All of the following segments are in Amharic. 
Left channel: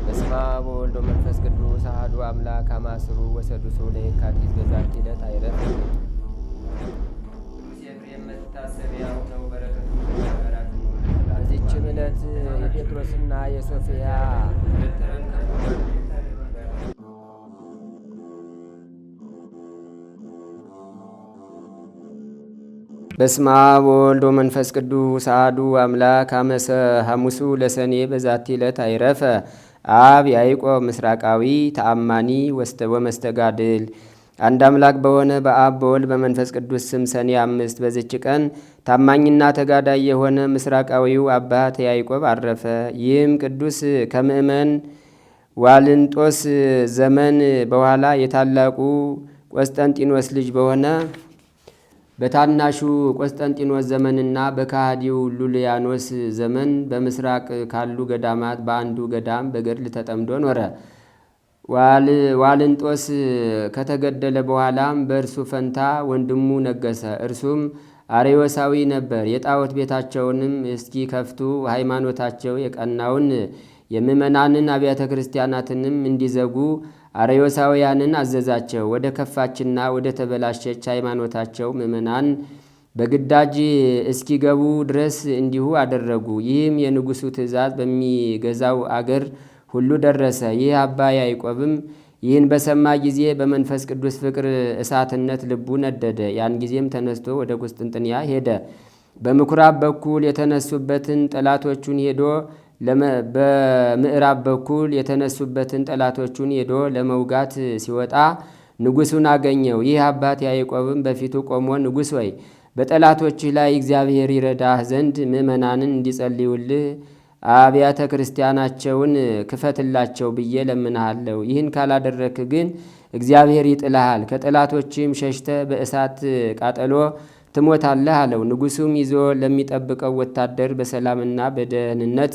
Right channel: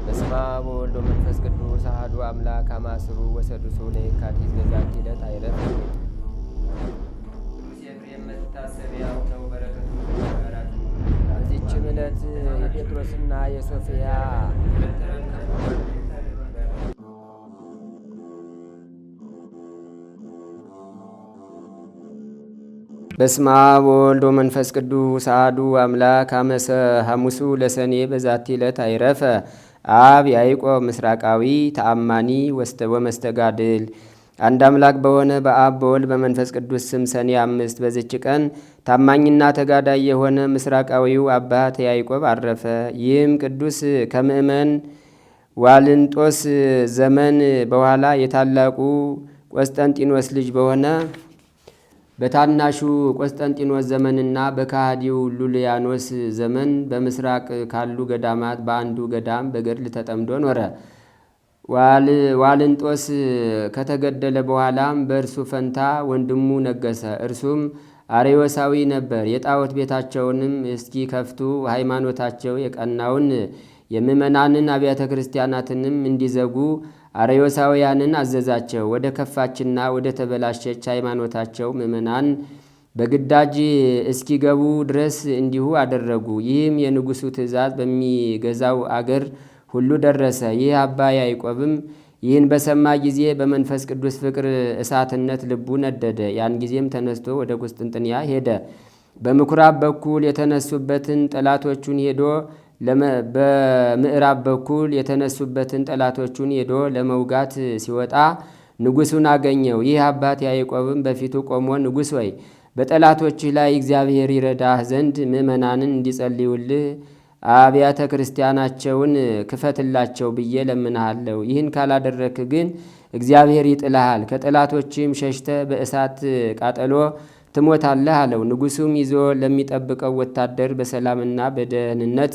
በስመ አብ ወወልድ ወመንፈስ ቅዱስ አሐዱ አምላክ አማስሩ ወሰዱሱ ለየካቲት በዛቲ ዕለት አይረፍ። ቅዱስ ኤፍሬም መታሰቢያው ነው። በረከቱ ጋራት ነው። በዚችም ዕለት የጴጥሮስና የሶፊያ በስመ አብ ወወልድ ወመንፈስ ቅዱስ አሐዱ አምላክ ሐሙሱ ለሰኔ በዛቲ ዕለት አይረፈ አብ ያዕቆብ ምስራቃዊ ተአማኒ ወመስተጋድል። አንድ አምላክ በሆነ በአብ በወልድ በመንፈስ ቅዱስ ስም ሰኔ 5 በዚች ቀን ታማኝና ተጋዳይ የሆነ ምስራቃዊው አባት ያዕቆብ አረፈ። ይህም ቅዱስ ከምእመን ዋልንጦስ ዘመን በኋላ የታላቁ ቆስጠንጢኖስ ልጅ በሆነ በታናሹ ቆስጠንጢኖስ ዘመንና በካሃዲው ሉልያኖስ ዘመን በምስራቅ ካሉ ገዳማት በአንዱ ገዳም በገድል ተጠምዶ ኖረ። ዋልንጦስ ከተገደለ በኋላም በእርሱ ፈንታ ወንድሙ ነገሰ። እርሱም አርዮሳዊ ነበር። የጣዖት ቤታቸውንም እስኪ ከፍቱ ሃይማኖታቸው የቀናውን የምእመናንን አብያተ ክርስቲያናትንም እንዲዘጉ አርዮሳውያንን አዘዛቸው። ወደ ከፋችና ወደ ተበላሸች ሃይማኖታቸው ምእመናን በግዳጅ እስኪገቡ ድረስ እንዲሁ አደረጉ። ይህም የንጉሡ ትእዛዝ በሚገዛው አገር ሁሉ ደረሰ። ይህ አባ ያዕቆብም ይህን በሰማ ጊዜ በመንፈስ ቅዱስ ፍቅር እሳትነት ልቡ ነደደ። ያን ጊዜም ተነስቶ ወደ ቁስጥንጥንያ ሄደ። በምኩራብ በኩል የተነሱበትን ጠላቶቹን ሄዶ በምዕራብ በኩል የተነሱበትን ጠላቶቹን ሄዶ ለመውጋት ሲወጣ ንጉሡን አገኘው። ይህ አባት ያዕቆብም በፊቱ ቆሞ ንጉሥ ሆይ በጠላቶችህ ላይ እግዚአብሔር ይረዳህ ዘንድ ምእመናንን እንዲጸልዩልህ አብያተ ክርስቲያናቸውን ክፈትላቸው ብዬ ለምንሃለሁ። ይህን ካላደረክ ግን እግዚአብሔር ይጥልሃል፣ ከጠላቶችም ሸሽተ በእሳት ቃጠሎ ትሞታለህ አለው። ንጉሡም ይዞ ለሚጠብቀው ወታደር በሰላምና በደህንነት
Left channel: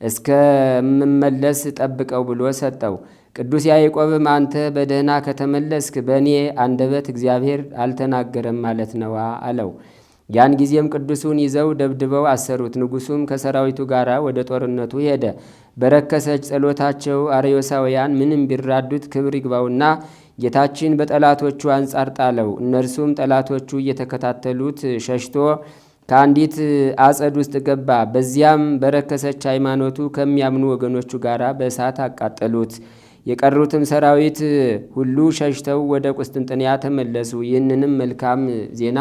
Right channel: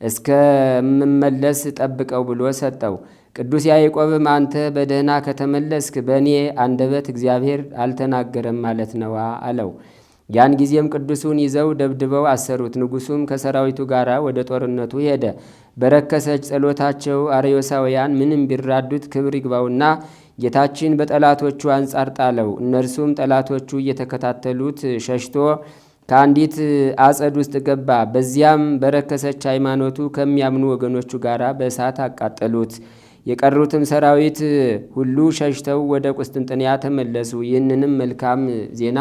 እስከምመለስ ጠብቀው ብሎ ሰጠው። ቅዱስ ያዕቆብም አንተ በደህና ከተመለስክ በእኔ አንደበት እግዚአብሔር አልተናገረም ማለት ነዋ አለው። ያን ጊዜም ቅዱሱን ይዘው ደብድበው አሰሩት። ንጉሡም ከሰራዊቱ ጋር ወደ ጦርነቱ ሄደ። በረከሰች ጸሎታቸው አርዮሳውያን ምንም ቢራዱት ክብር ይግባውና ጌታችን በጠላቶቹ አንጻር ጣለው። እነርሱም ጠላቶቹ እየተከታተሉት ሸሽቶ ከአንዲት አጸድ ውስጥ ገባ። በዚያም በረከሰች ሃይማኖቱ ከሚያምኑ ወገኖቹ ጋር በእሳት አቃጠሉት። የቀሩትም ሰራዊት ሁሉ ሸሽተው ወደ ቁስጥንጥንያ ተመለሱ። ይህንንም መልካም ዜና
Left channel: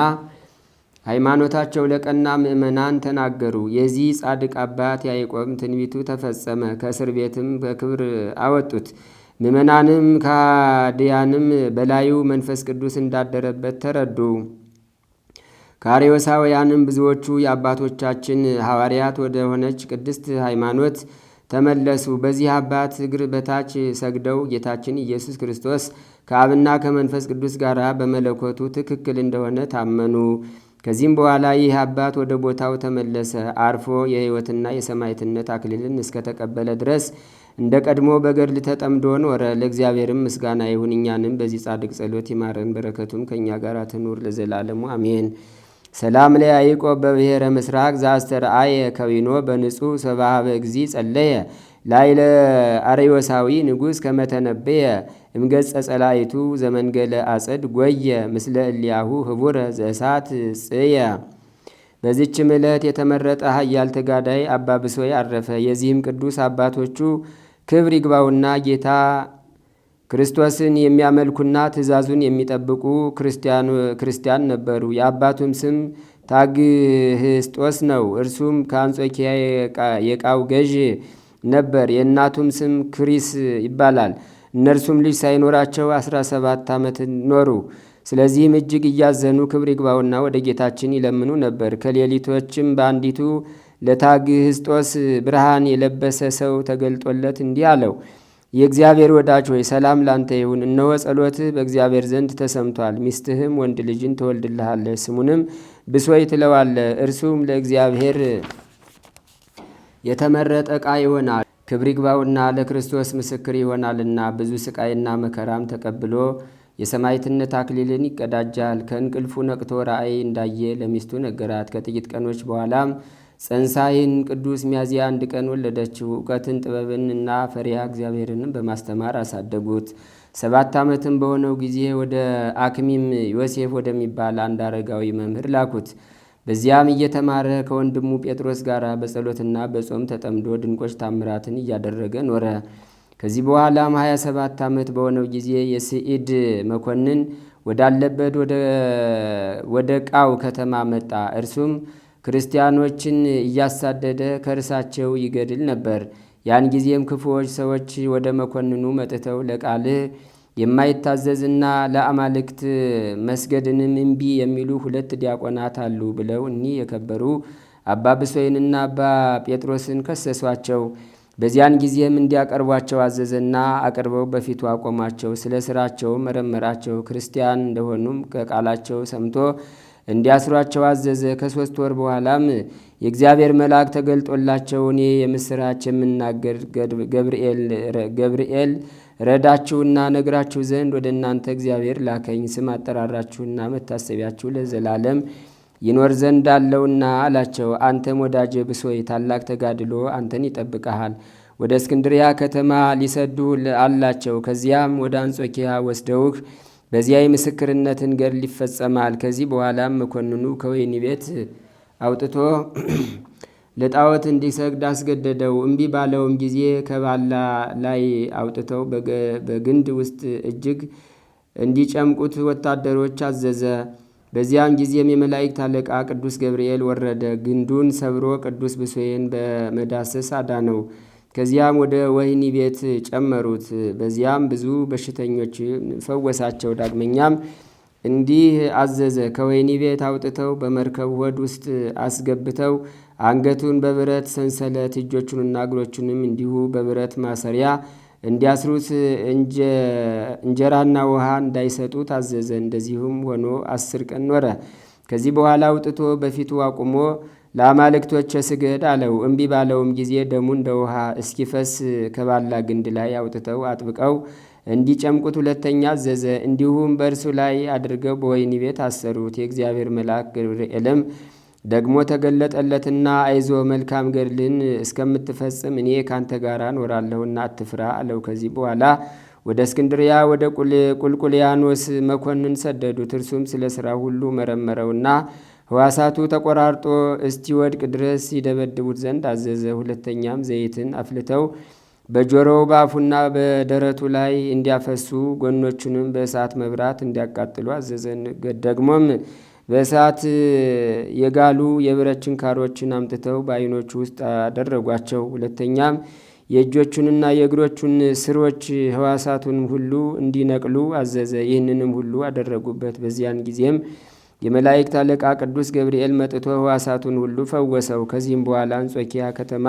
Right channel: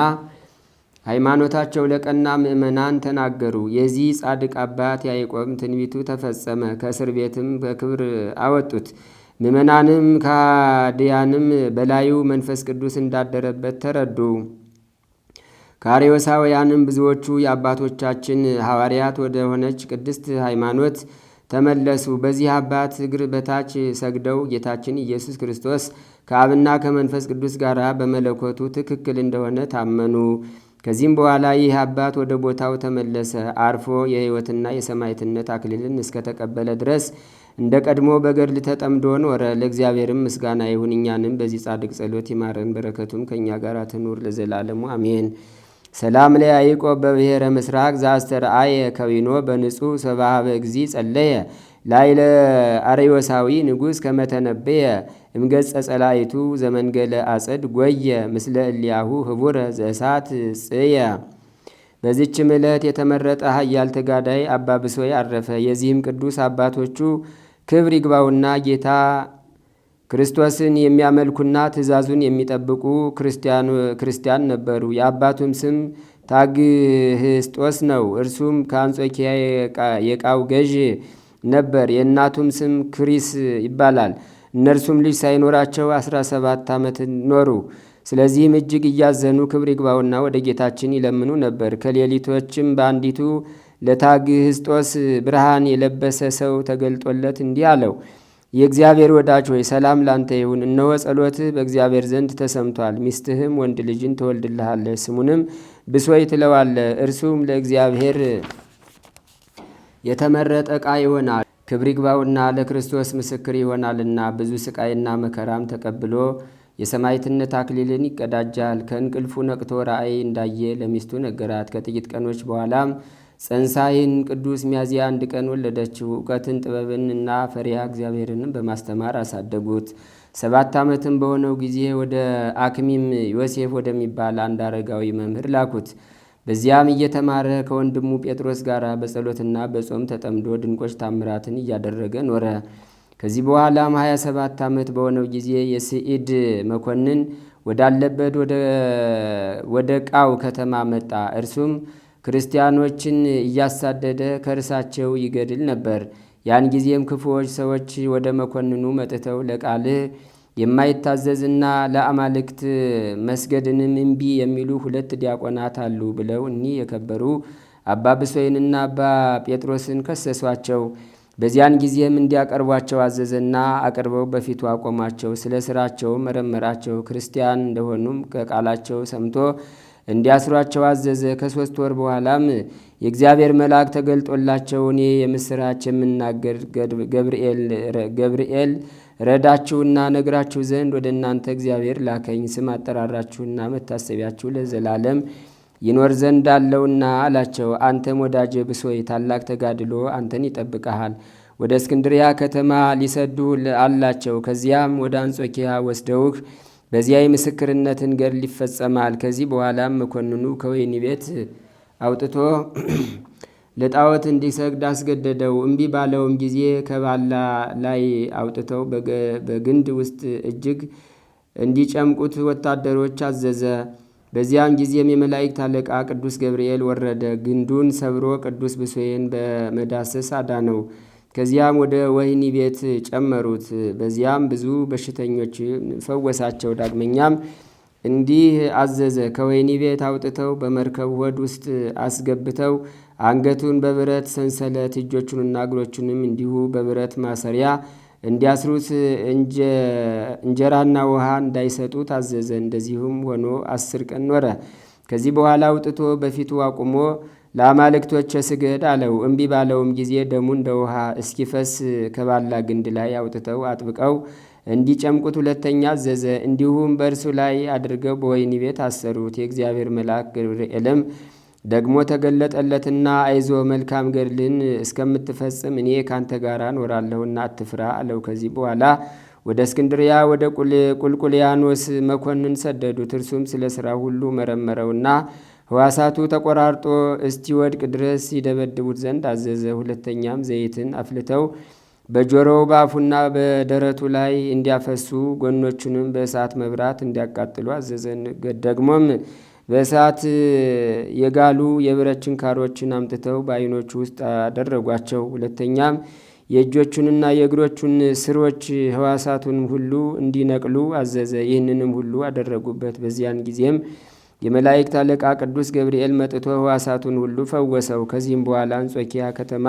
ሃይማኖታቸው ለቀና ምእመናን ተናገሩ። የዚህ ጻድቅ አባት ያዕቆብ ትንቢቱ ተፈጸመ። ከእስር ቤትም በክብር አወጡት። ምእመናንም ከሃዲያንም በላዩ መንፈስ ቅዱስ እንዳደረበት ተረዱ። ከአርዮሳውያንም ብዙዎቹ የአባቶቻችን ሐዋርያት ወደ ሆነች ቅድስት ሃይማኖት ተመለሱ። በዚህ አባት እግር በታች ሰግደው ጌታችን ኢየሱስ ክርስቶስ ከአብና ከመንፈስ ቅዱስ ጋር በመለኮቱ ትክክል እንደሆነ ታመኑ። ከዚህም በኋላ ይህ አባት ወደ ቦታው ተመለሰ። አርፎ የሕይወትና የሰማዕትነት አክሊልን እስከተቀበለ ድረስ እንደ ቀድሞ በገድል ተጠምዶ ኖረ። ለእግዚአብሔርም ምስጋና ይሁን፣ እኛንም በዚህ ጻድቅ ጸሎት ይማረን፣ በረከቱም ከእኛ ጋር ትኑር ለዘላለሙ አሜን። ሰላም ለያዕቆብ በብሔረ ምስራቅ ዘአስተርአየ ከዊኖ በንጹሕ ሰባሃበ እግዚ ጸለየ ላይለ አርዮሳዊ ንጉሥ ከመተነበየ እምገጸ ጸላይቱ ዘመንገለ አጸድ ጎየ ምስለ እሊያሁ ህቡረ ዘእሳት ጽየ። በዚችም ዕለት የተመረጠ ኃያል ተጋዳይ አባ ብሶይ አረፈ። የዚህም ቅዱስ አባቶቹ ክብር ይግባውና ጌታ ክርስቶስን የሚያመልኩና ትእዛዙን የሚጠብቁ ክርስቲያን ነበሩ። የአባቱም ስም ታግህስጦስ ነው። እርሱም ከአንጾኪያ የቃው ገዥ ነበር። የእናቱም ስም ክሪስ ይባላል። እነርሱም ልጅ ሳይኖራቸው 17 ዓመት ኖሩ። ስለዚህም እጅግ እያዘኑ ክብር ይግባውና ወደ ጌታችን ይለምኑ ነበር። ከሌሊቶችም በአንዲቱ ለታግህስጦስ ብርሃን የለበሰ ሰው ተገልጦለት እንዲህ አለው። የእግዚአብሔር ወዳጅ ሆይ ሰላም ላንተ ይሁን። እነሆ ጸሎትህ በእግዚአብሔር ዘንድ ተሰምቷል። ሚስትህም ወንድ ልጅን ትወልድልሃለች፣ ስሙንም ብሶይ ትለዋለህ። እርሱም ለእግዚአብሔር የተመረጠ ዕቃ ይሆናል። ክብር ይግባውና ለክርስቶስ ምስክር ይሆናልና ብዙ ስቃይና መከራም ተቀብሎ የሰማዕትነት አክሊልን ይቀዳጃል። ከእንቅልፉ ነቅቶ ራእይ እንዳየ ለሚስቱ ነገራት። ከጥቂት ቀኖች በኋላም ጸንሳ ይህን ቅዱስ ሚያዝያ 1 ቀን ወለደችው። እውቀትን ጥበብን እና ፈሪሃ እግዚአብሔርንም በማስተማር አሳደጉት። 7 ዓመትም በሆነው ጊዜ ወደ አክሚም ዮሴፍ ወደሚባል አንድ አረጋዊ መምህር ላኩት። በዚያም እየተማረ ከወንድሙ ጴጥሮስ ጋር በጸሎትና በጾም ተጠምዶ ድንቆች ታምራትን እያደረገ ኖረ። ከዚህ በኋላም 27 ዓመት በሆነው ጊዜ የስዒድ መኮንን ወዳለበት ወደ ቃው ከተማ መጣ። እርሱም ክርስቲያኖችን እያሳደደ ከእርሳቸው ይገድል ነበር። ያን ጊዜም ክፉዎች ሰዎች ወደ መኮንኑ መጥተው ለቃልህ የማይታዘዝና ለአማልክት መስገድንም እምቢ የሚሉ 2 ዲያቆናት አሉ ብለው እኒህ የከበሩ አባ ብሶይንና አባ ጴጥሮስን ከሰሷቸው። በዚያን ጊዜም እንዲያቀርቧቸው አዘዘና አቅርበው በፊቱ አቆማቸው። ስለ ስራቸው መረመራቸው። ክርስቲያን እንደሆኑም ከቃላቸው ሰምቶ እንዲያስሯቸው አዘዘ። ከ3 ወር በኋላም የእግዚአብሔር መልአክ ተገልጦላቸው እኔ የምስራች የምናገር ገብርኤል ረዳችሁና ነግራችሁ ዘንድ ወደ እናንተ እግዚአብሔር ላከኝ። ስም አጠራራችሁና መታሰቢያችሁ ለዘላለም ይኖር ዘንድ አለውና አላቸው። አንተም ወዳጄ ብሶይ ታላቅ ተጋድሎ አንተን ይጠብቀሃል። ወደ እስክንድሪያ ከተማ ሊሰዱህ አላቸው። ከዚያም ወደ አንጾኪያ ወስደውህ በዚያ የምስክርነትን ገድል ይፈጸማል። ከዚህ በኋላም መኮንኑ ከወህኒ ቤት አውጥቶ ለጣዖት እንዲሰግድ አስገደደው። እምቢ ባለውም ጊዜ ከባላ ላይ አውጥተው በግንድ ውስጥ እጅግ እንዲጨምቁት ወታደሮች አዘዘ። በዚያም ጊዜም የመላእክት አለቃ ቅዱስ ገብርኤል ወረደ። ግንዱን ሰብሮ ቅዱስ ብሶይን በመዳሰስ አዳነው። ከዚያም ወደ ወህኒ ቤት ጨመሩት። በዚያም ብዙ በሽተኞች ፈወሳቸው። ዳግመኛም እንዲህ አዘዘ። ከወህኒ ቤት አውጥተው በመርከብ ሆድ ውስጥ አስገብተው አንገቱን በብረት ሰንሰለት እጆቹንና እግሮቹንም እንዲሁ በብረት ማሰሪያ እንዲያስሩት እንጀራና ውሃ እንዳይሰጡት አዘዘ። እንደዚሁም ሆኖ 10 ቀን ኖረ። ከዚህ በኋላ አውጥቶ በፊቱ አቁሞ ለአማልክቶች ስገድ አለው። እምቢ ባለውም ጊዜ ደሙ እንደ ውሃ እስኪፈስ ከባላ ግንድ ላይ አውጥተው አጥብቀው እንዲጨምቁት 2ኛ አዘዘ። እንዲሁም በእርሱ ላይ አድርገው በወህኒ ቤት አሰሩት። የእግዚአብሔር መልአክ ገብርኤልም ደግሞ ተገለጠለትና አይዞ መልካም ገድልን እስከምትፈጽም እኔ ካንተ ጋር እኖራለሁና አትፍራ አለው። ከዚህ በኋላ ወደ እስክንድሪያ ወደ ቁልቁልያኖስ መኮንን ሰደዱት። እርሱም ስለ ሥራ ሁሉ መረመረውና ሕዋሳቱ ተቆራርጦ እስቲወድቅ ድረስ ይደበድቡት ዘንድ አዘዘ። 2ኛም ዘይትን አፍልተው በጆሮው በአፉና በደረቱ ላይ እንዲያፈሱ ጎኖቹንም በእሳት መብራት እንዲያቃጥሉ አዘዘ። ደግሞም በእሳት የጋሉ የብረት ችንካሮችን አምጥተው በዓይኖቹ ውስጥ አደረጓቸው። 2ኛም የእጆቹንና የእግሮቹን ስሮች ሕዋሳቱን ሁሉ እንዲነቅሉ አዘዘ። ይህንንም ሁሉ አደረጉበት። በዚያን ጊዜም የመላእክት አለቃ ቅዱስ ገብርኤል መጥቶ ሕዋሳቱን ሁሉ ፈወሰው። ከዚህም በኋላ አንጾኪያ ከተማ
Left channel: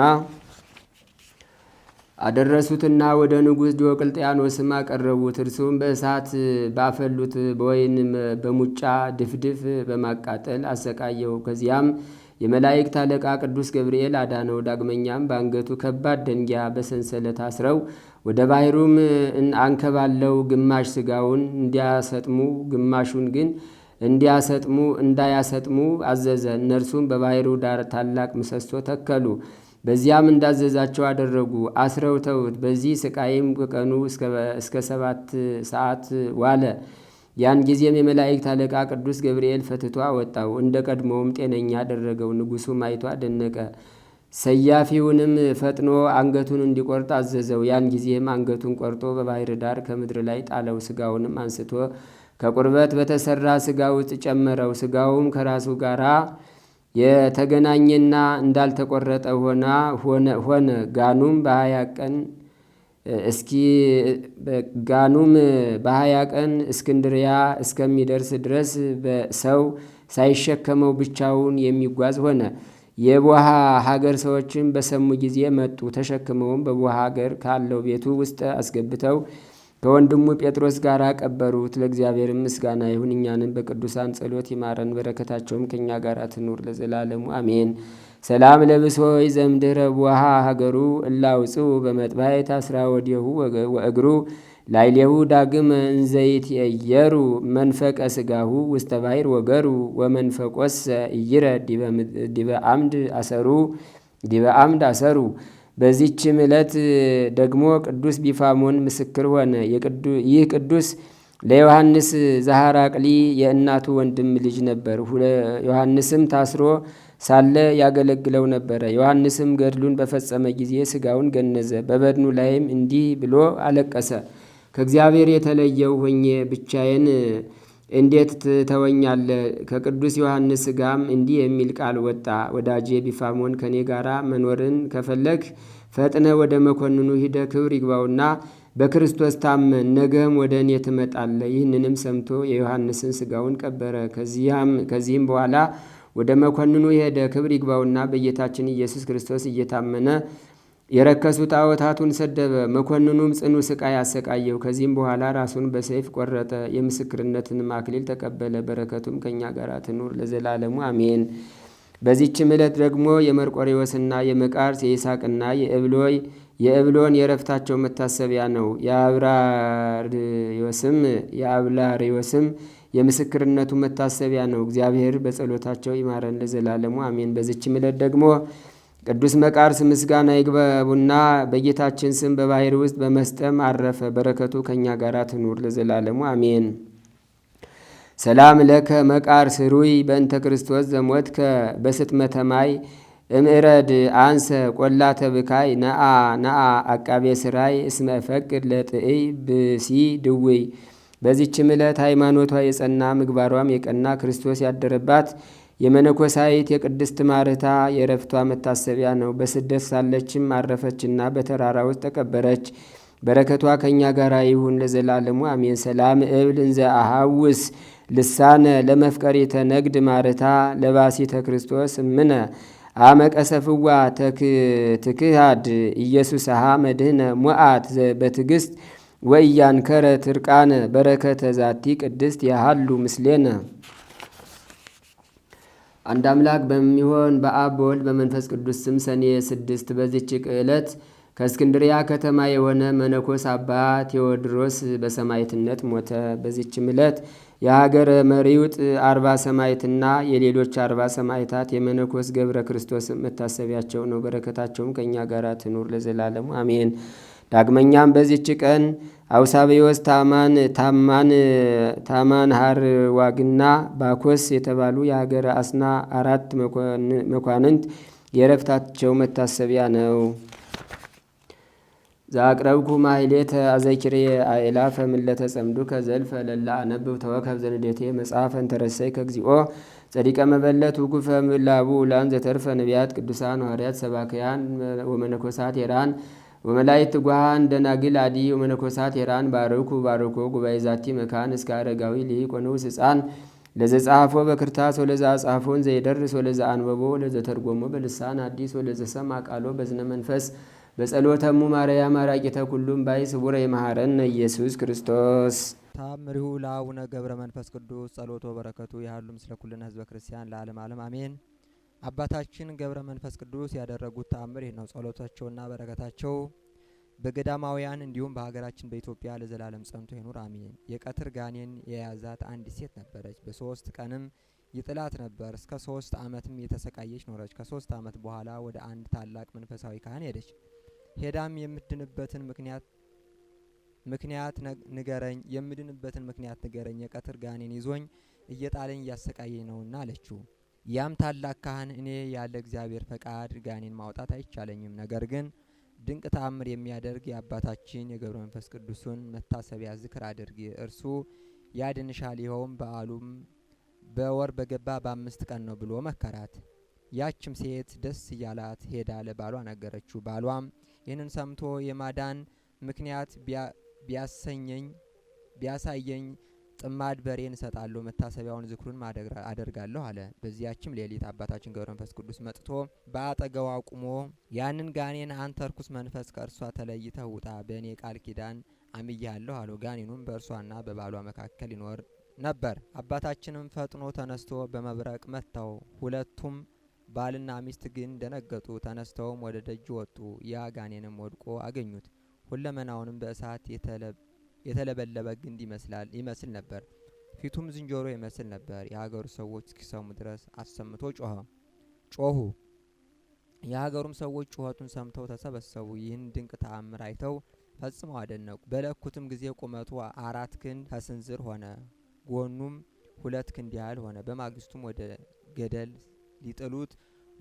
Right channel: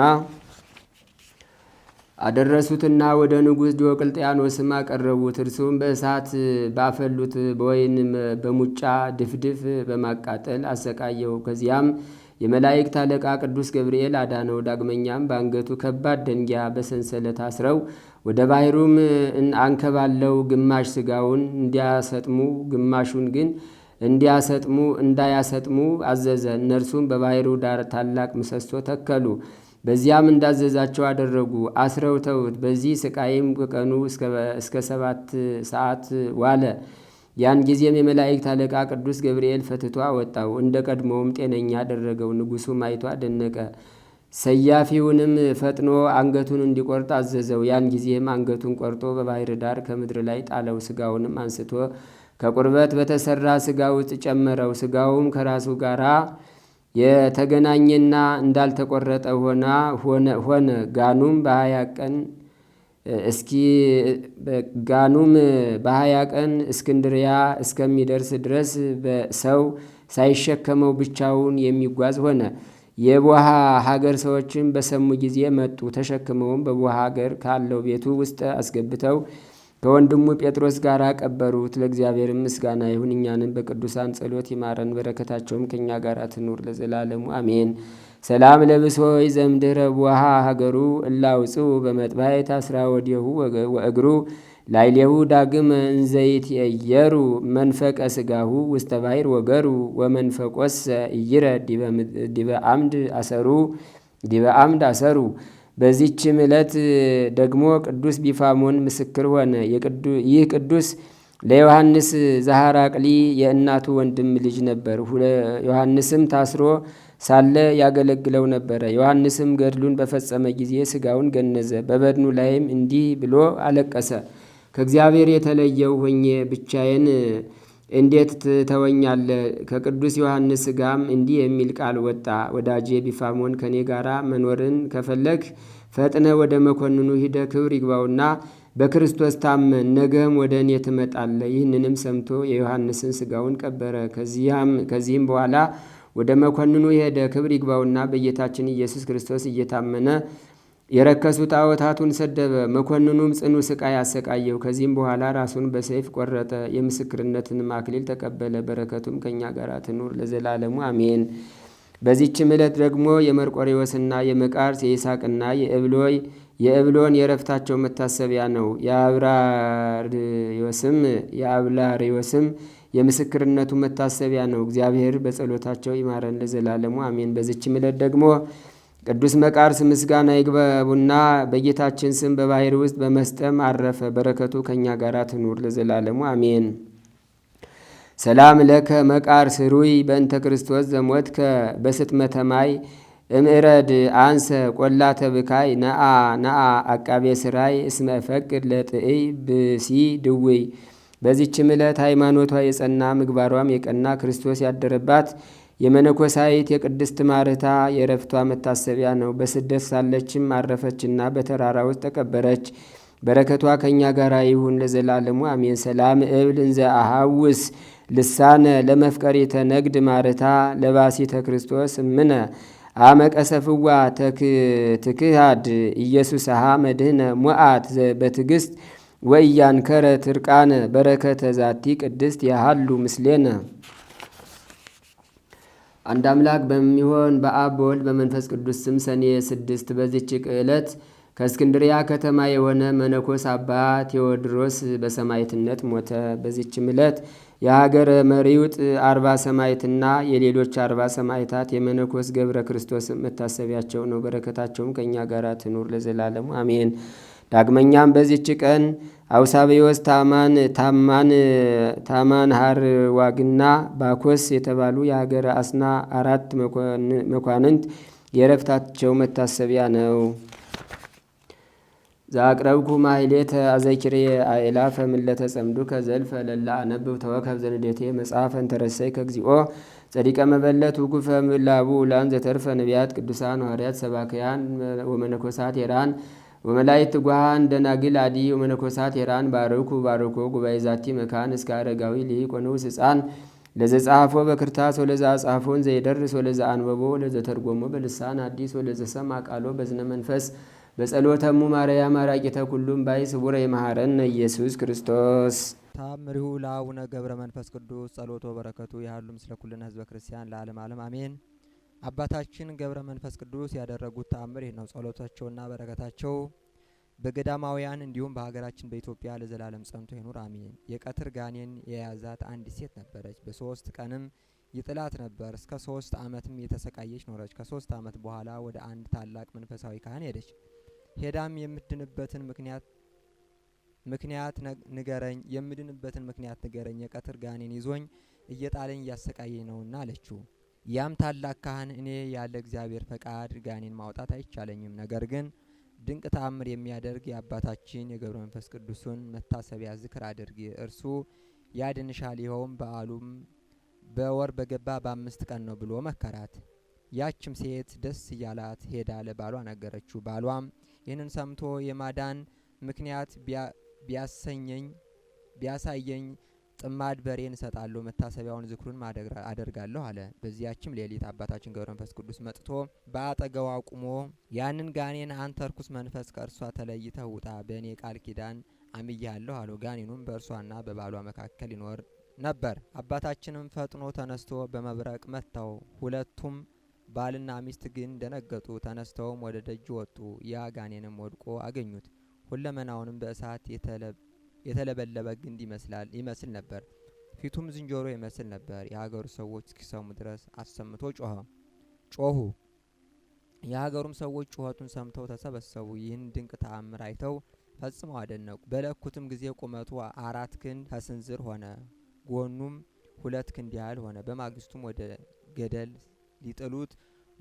አደረሱትና ወደ ንጉሥ ዲዮቅልጥያኖስም አቀረቡት። እርሱም በእሳት ባፈሉት በወይን በሙጫ ድፍድፍ በማቃጠል አሰቃየው። ከዚያም የመላእክት አለቃ ቅዱስ ገብርኤል አዳነው። ዳግመኛም በአንገቱ ከባድ ደንጊያ በሰንሰለት አስረው ወደ ባሕሩም አንከባለው ግማሽ ሥጋውን እንዲያሰጥሙ ግማሹን ግን እንዳያሰጥሙ አዘዘ። እነርሱም በባሕሩ ዳር ታላቅ ምሰሶ ተከሉ። በዚያም እንዳዘዛቸው አደረጉ። አስረው ተውት። በዚህ ስቃይም ቀኑ እስከ 7 ሰዓት ዋለ። ያን ጊዜም የመላእክት አለቃ ቅዱስ ገብርኤል ፈትቶ አወጣው። እንደ ቀድሞውም ጤነኛ አደረገው። ንጉሡም አይቶ አደነቀ። ሰያፊውንም ፈጥኖ አንገቱን እንዲቆርጥ አዘዘው። ያን ጊዜም አንገቱን ቆርጦ በባሕር ዳር ከምድር ላይ ጣለው። ስጋውንም አንስቶ ከቁርበት በተሰራ ስጋ ውስጥ ጨመረው። ስጋውም ከራሱ ጋራ የተገናኘና እንዳልተቆረጠ ሆነ። ጋኑም በ20 ቀን እስክንድሪያ እስከሚደርስ ድረስ ሰው ሳይሸከመው ብቻውን የሚጓዝ ሆነ። የቦሃ ሀገር ሰዎችም በሰሙ ጊዜ መጡ። ተሸክመውም በቦሃ ሀገር ካለው ቤቱ ውስጥ አስገብተው ከወንድሙ ጴጥሮስ ጋር ቀበሩት። ለእግዚአብሔር ምስጋና ይሁን፣ እኛንም በቅዱሳን ጸሎት ይማረን፣ በረከታቸውም ከእኛ ጋር ትኑር ለዘላለሙ አሜን። ሰላም ለብሶይ ዘምድረ ቡሃ ሀገሩ እላውፅው በመጥባይ ታስራ ወዲሁ ወእግሩ ላይሌሁ ዳግም እንዘይትየሩ መንፈቀ ስጋሁ ውስተ ባሕር ወገሩ ወመንፈቆስ እይረ ዲበ አምድ አሰሩ። በዚችም ዕለት ደግሞ ቅዱስ ቢፋሞን ምስክር ሆነ። ይህ ቅዱስ ለዮሐንስ ዘሐራቅሊ የእናቱ ወንድም ልጅ ነበር። ዮሐንስም ታስሮ ሳለ ያገለግለው ነበረ። ዮሐንስም ገድሉን በፈጸመ ጊዜ ሥጋውን ገነዘ። በበድኑ ላይም እንዲህ ብሎ አለቀሰ። ከእግዚአብሔር የተለየው ሆኜ ብቻዬን እንዴት ትተወኛለህ? ከቅዱስ ዮሐንስ ሥጋም እንዲህ የሚል ቃል ወጣ። ወዳጄ ቢፋሞን ከእኔ ጋር መኖርን ከፈለግ ፈጥነ ወደ መኮንኑ ሂደ ክብር ይግባውና በክርስቶስ ታመን፣ ነገም ወደ እኔ ትመጣለህ። ይህንንም ሰምቶ የዮሐንስን ሥጋውን ቀበረ። ከዚህም በኋላ ወደ መኮንኑ ሄደ። ክብር ይግባውና በጌታችን ኢየሱስ ክርስቶስ እየታመነ የረከሱ ጣዖታቱን ሰደበ። መኮንኑም ጽኑ ስቃይ አሰቃየው። ከዚህም በኋላ ራሱን በሰይፍ ቆረጠ። የምስክርነትንም አክሊል ተቀበለ። በረከቱም ከእኛ ጋር ትኑር ለዘላለሙ አሜን። በዚችም ዕለት ደግሞ የመርቆሬዎስና የመቃርስ የይስሐቅና የእብሎን የረፍታቸው መታሰቢያ ነው። የአብላሪዎስም የምስክርነቱ መታሰቢያ ነው። እግዚአብሔር በጸሎታቸው ይማረን ለዘላለሙ አሜን። በዚችም ዕለት ደግሞ ቅዱስ መቃርስ ምስጋና ይግባውና በጌታችን ስም በባሕር ውስጥ በመስጠም አረፈ። በረከቱ ከእኛ ጋር ትኑር ለዘላለሙ አሜን። ሰላም ለከ መቃርስ ሩይ በእንተ ክርስቶስ ዘሞትከ በስጥመተ ማይ እምዕረድ አንሰ ቆላ ተብካይ ነአ አቃቤ ስራይ እስመ ፈቅድ ለጥእይ ብሲ ድውይ። በዚችም ዕለት ሃይማኖቷ የጸና ምግባሯም የቀና ክርስቶስ ያደረባት የመነኮሳይት የቅድስት ማርታ የረፍቷ መታሰቢያ ነው። በስደት ሳለችም አረፈችና በተራራ ውስጥ ተቀበረች። በረከቷ ከእኛ ጋር ይሁን ለዘላለሙ አሜን። ሰላም እብል እንዘ አሃውስ ልሳነ ለመፍቀሪተ ነግድ ማርታ ለባሲተ ክርስቶስ እምነ አመቀሰፍዋ ትክሃድ ኢየሱስሃ መድህነ ሞአት በትዕግስት ወእያንከረ ትርቃነ በረከተ ዛቲ ቅድስት ያሃሉ ምስሌነ። አንድ አምላክ በሚሆን በአብ በወልድ በመንፈስ ቅዱስ ስም ሰኔ 6 በዚች ዕለት ከእስክንድሪያ ከተማ የሆነ መነኮስ አባ ቴዎድሮስ በሰማዕትነት ሞተ። በዚችም ዕለት የሀገረ መሪውጥ 40 ሰማዕትና የሌሎች 40 ሰማዕታት የመነኮስ ገብረ ክርስቶስ መታሰቢያቸው ነው። በረከታቸውም ከእኛ ጋር ትኑር ለዘላለሙ አሜን። ዳግመኛም በዚች ቀን አውሳብዮስ ታማን ሀርዋግና ባኮስ የተባሉ የሀገረ አስና 4 መኳንንት የረፍታቸው መታሰቢያ ነው። ዛቅረብኩ ማይሌተ አዘኪሬ አእላፈ ምለተ ጸምዱ ከዘልፈ ለላ አነብብ ተወከብ ዘንዴቴ መጽሐፈን ተረሰይ ከግዚኦ ጸዲቀ መበለት ውጉፈ ምላቡ ላን ዘተርፈ ነቢያት ቅዱሳን ሐዋርያት ሰባክያን ወመነኮሳት ሄራን ወመላይት ጓሃን ደናግል አዲ ወመነኮሳት ሄራን ባርኩ ጉባኤ ዛቲ መካን እስከ አረጋዊ ሊቅ ወንዑስ ሕፃን ለዘጻሐፎ በክርታስ ወለዛ ጻፎን ዘይደርስ ወለዛ አንበቦ ለዘተርጎሞ በልሳን አዲስ ወለዘሰማ ቃሎ በዝነ መንፈስ በጸሎተሙ ማርያም አራቂተ ኩሉም ባይ ስቡረ የመሐረነ ኢየሱስ ክርስቶስ ታምሪሁ ለአቡነ ገብረ መንፈስ ቅዱስ ጸሎቶ በረከቱ ያህሉ ምስለ ኩልነ ህዝበ ክርስቲያን ለዓለም ዓለም አሜን። አባታችን ገብረ መንፈስ ቅዱስ ያደረጉት ተአምር ይህ ነው። ጸሎታቸውና በረከታቸው በገዳማውያን እንዲሁም በሀገራችን በኢትዮጵያ ለዘላለም ጸንቶ ይኑር አሜን። የቀትር ጋኔን የያዛት አንዲት ሴት ነበረች። በ3 ቀንም ይጥላት ነበር። እስከ 3 ዓመትም የተሰቃየች ኖረች። ከ3 ዓመት በኋላ ወደ አንድ ታላቅ መንፈሳዊ ካህን ሄደች። ሄዳም የምድንበትን ምክንያት ንገረኝ፣ የቀትር ጋኔን ይዞኝ እየጣለኝ እያሰቃየኝ ነውና አለችው። ያም ታላቅ ካህን እኔ ያለ እግዚአብሔር ፈቃድ ጋኔን ማውጣት አይቻለኝም፣ ነገር ግን ድንቅ ተአምር የሚያደርግ የአባታችን የገብረ መንፈስ ቅዱስን መታሰቢያ ዝክር አድርጊ፣ እርሱ ያድንሻል፣ ይኸውም በዓሉም በወር በገባ በ5 ቀን ነው ብሎ መከራት። ያችም ሴት ደስ እያላት ሄዳ ለባሏ ነገረችው። ባሏም ይህንን ሰምቶ የማዳን ምክንያት ቢያሳየኝ ጥማድ በሬን እሰጣለሁ፣ መታሰቢያውን ዝክሩን አደርጋለሁ አለ። በዚያችም ሌሊት አባታችን ገብረ መንፈስ ቅዱስ መጥቶ በአጠገቧ ቁሞ ያንን ጋኔን አንተ ርኩስ መንፈስ ከእርሷ ተለይተህ ውጣ፣ በእኔ ቃል ኪዳን አምያለሁ አለው። ጋኔኑም በእርሷና በባሏ መካከል ይኖር ነበር። አባታችንም ፈጥኖ ተነስቶ በመብረቅ መታው። ሁለቱም ባልና ሚስት ግን ደነገጡ። ተነስተውም ወደ ደጅ ወጡ። ያ ጋኔንም ወድቆ አገኙት። ሁለመናውንም በእሳት የተለበለበ ግንድ ይመስል ነበር። ፊቱም ዝንጀሮ ይመስል ነበር። የሀገሩ ሰዎች እስኪሰሙ ድረስ አሰምቶ ጮሁ። የሀገሩም ሰዎች ጩኸቱን ሰምተው ተሰበሰቡ። ይህን ድንቅ ተአምር አይተው ፈጽመው አደነቁ። በለኩትም ጊዜ ቁመቱ 4 ክንድ ከስንዝር ሆነ፣ ጎኑም 2 ክንድ ያህል ሆነ። በማግስቱም ወደ ገደል ሊጥሉት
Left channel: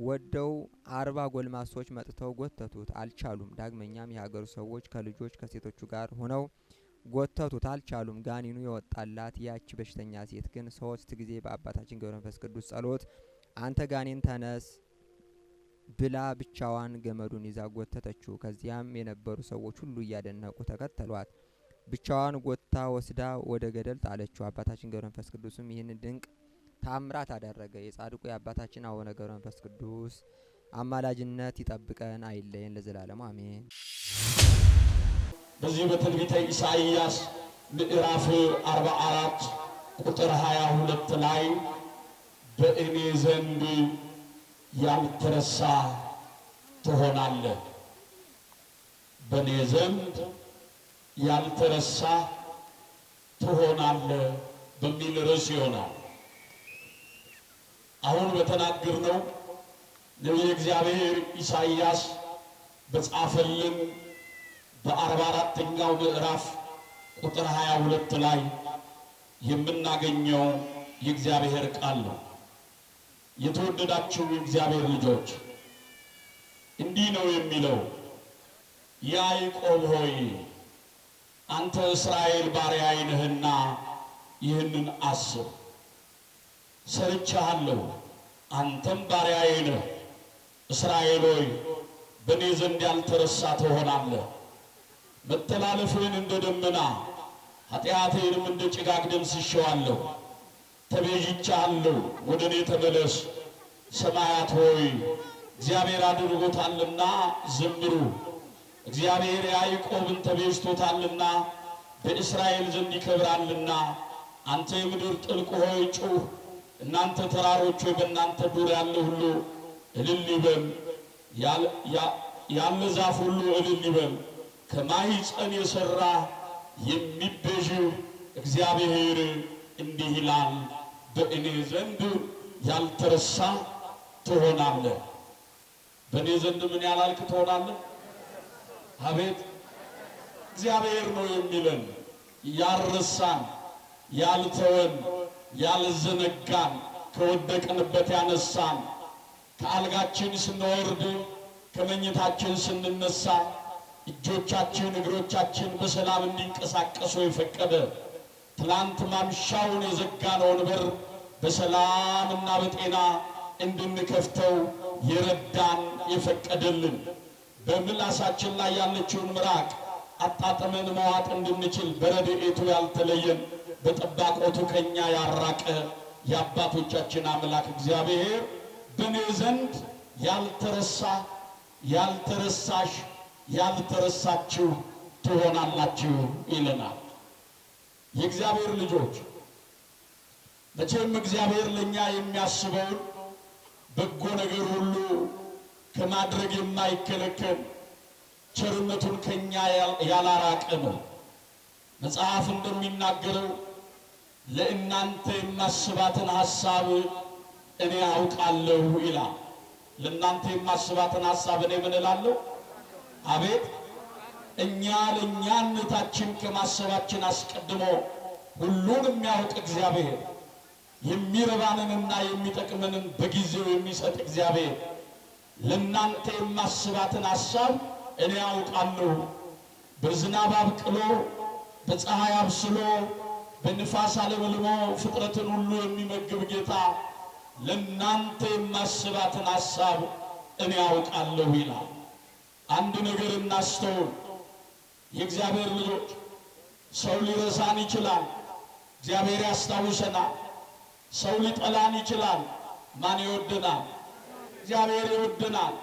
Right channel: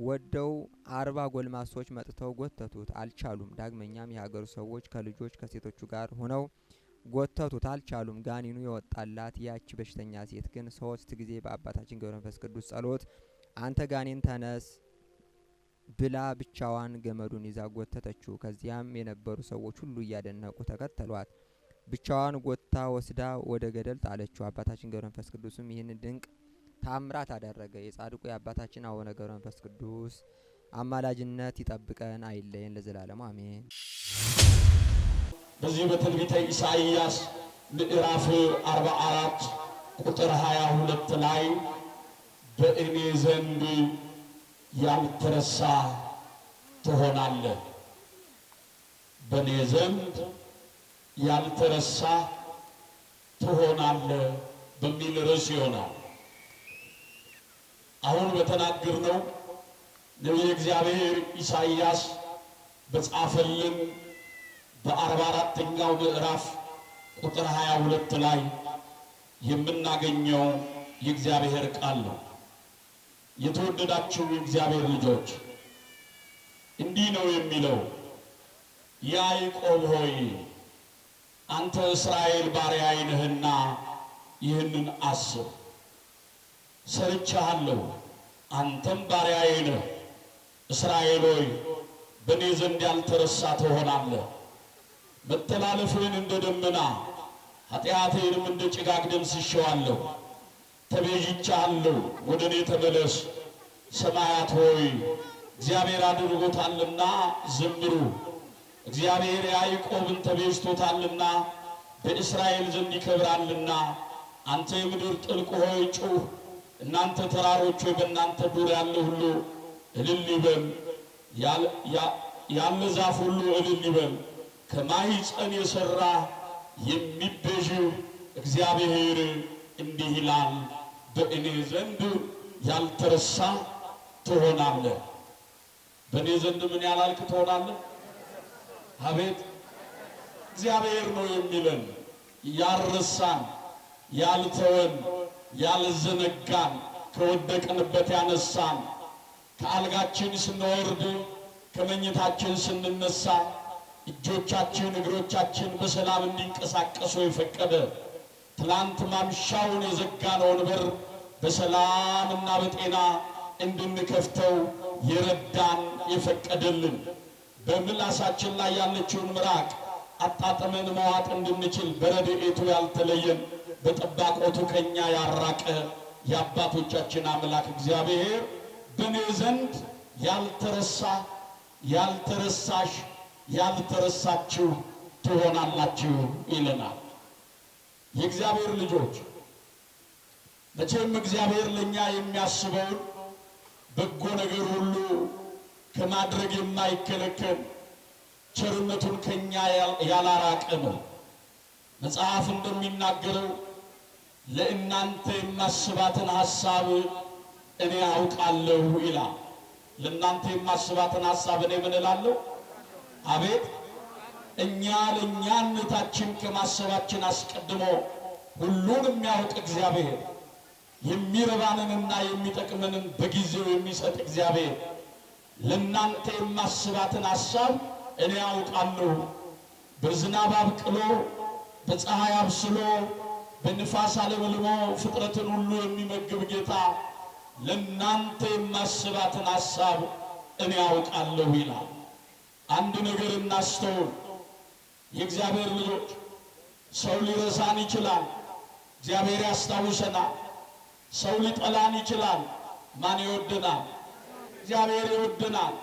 ወደው 40 ጎልማሶች መጥተው ጎተቱት፣ አልቻሉም። ዳግመኛም የሀገሩ ሰዎች ከልጆች ከሴቶቹ ጋር ሆነው ጎተቱት፣ አልቻሉም። ጋኔኑ የወጣላት ያቺ በሽተኛ ሴት ግን 3 ጊዜ በአባታችን ገብረ መንፈስ ቅዱስ ጸሎት አንተ ጋኔን ተነስ ብላ ብቻዋን ገመዱን ይዛ ጎተተችው። ከዚያም የነበሩ ሰዎች ሁሉ እያደነቁ ተከተሏት። ብቻዋን ጎታ ወስዳ ወደ ገደል ጣለችው። አባታችን ገብረ መንፈስ ቅዱስም ይህን ድንቅ ታምራት አደረገ። የጻድቁ የአባታችን አቡነ ገብረ መንፈስ ቅዱስ አማላጅነት ይጠብቀን አይለየን ለዘላለሙ አሜን። በዚህ በትንቢተ ኢሳይያስ ምዕራፍ 44 ቁጥር 22 ላይ በእኔ ዘንድ ያልተረሳ ትሆናለህ፣ በእኔ ዘንድ ያልተረሳ ትሆናለህ በሚል ርዕስ ይሆናል። አሁን በተናገርነው ነቢየ እግዚአብሔር ኢሳይያስ በጻፈልን በ44ኛው ምዕራፍ ቁጥር 22 ላይ የምናገኘው የእግዚአብሔር ቃል ነው። የተወደዳችሁ የእግዚአብሔር ልጆች እንዲህ ነው የሚለው፣ ያዕቆብ ሆይ አንተ እስራኤል ባሪያዬ ነህና ይህንን አስብ። ሰርቼሃለሁ፣ አንተም ባሪያዬ ነህ። እስራኤል ሆይ በእኔ ዘንድ ያልተረሳ ትሆናለህ። መተላለፍህን እንደ ደመና ኃጢአትህንም እንደ ጭጋግ ደምስሼዋለሁ። ተቤዥቼሃለሁ፣ ወደ እኔ ተመለስ። ሰማያት ሆይ እግዚአብሔር አድርጎታልና ዘምሩ። እግዚአብሔር ያዕቆብን ተቤዥቶታልና በእስራኤል ዘንድ ይከብራልና። አንተ የምድር ጥልቅ ሆይ ጩህ፣ እናንተ ተራሮች ሆይ በእናንተ ዱር ያለ ሁሉ እልል ይበል። ያለ ዛፍ ሁሉ እልል ይበል። ከማኅፀን የሠራ የሚቤዥ እግዚአብሔር እንዲህ ይላል፣ በእኔ ዘንድ ያልተረሳ ትሆናለህ። በእኔ ዘንድ ምን ያላልክ ትሆናለህ? አቤት እግዚአብሔር ነው የሚለን፣ ያልረሳን፣ ያልተወን፣ ያልዘነጋን፣ ከወደቅንበት ያነሳን፣ ከአልጋችን ስንወርድ ከመኝታችን ስንነሳ እጆቻችን እግሮቻችን በሰላም እንዲንቀሳቀሱ የፈቀደ፣ ትላንት ማምሻውን የዘጋነውን በር በሰላምና በጤና እንድንከፍተው የረዳን የፈቀደልን፣ በምላሳችን ላይ ያለችውን ምራቅ አጣጥመን መዋጥ እንድንችል በረድኤቱ ያልተለየን፣ በጠባቆቱ ከኛ ያራቀ የአባቶቻችን አምላክ እግዚአብሔር በእኔ ዘንድ ያልተረሳ ያልተረሳሽ ያልተረሳችሁ ትሆናላችሁ ይለናል። የእግዚአብሔር ልጆች መቼም እግዚአብሔር ለኛ የሚያስበውን በጎ ነገር ሁሉ ከማድረግ የማይከለከል ቸርነቱን ከኛ ያላራቀ ነው። መጽሐፍ እንደሚናገረው ለእናንተ የማስባትን ሐሳብ እኔ አውቃለሁ ይላል። ለእናንተ የማስባትን ሐሳብ እኔ ምን እላለሁ? አቤት እኛ ለእኛነታችን ከማሰባችን አስቀድሞ ሁሉን የሚያውቅ እግዚአብሔር፣ የሚረባንንና የሚጠቅመንን በጊዜው የሚሰጥ እግዚአብሔር ለእናንተ የማስባትን ሐሳብ እኔ አውቃለሁ። በዝናብ አብቅሎ በፀሐይ አብስሎ በንፋስ አለምልሞ ፍጥረትን ሁሉ የሚመግብ ጌታ ለእናንተ የማስባትን ሐሳብ እኔ አውቃለሁ ይላል። አንድ ነገር እናስተውል የእግዚአብሔር ልጆች። ሰው ሊረሳን ይችላል፣ እግዚአብሔር ያስታውሰናል። ሰው ሊጠላን ይችላል፣ ማን ይወደናል? እግዚአብሔር ይወደናል።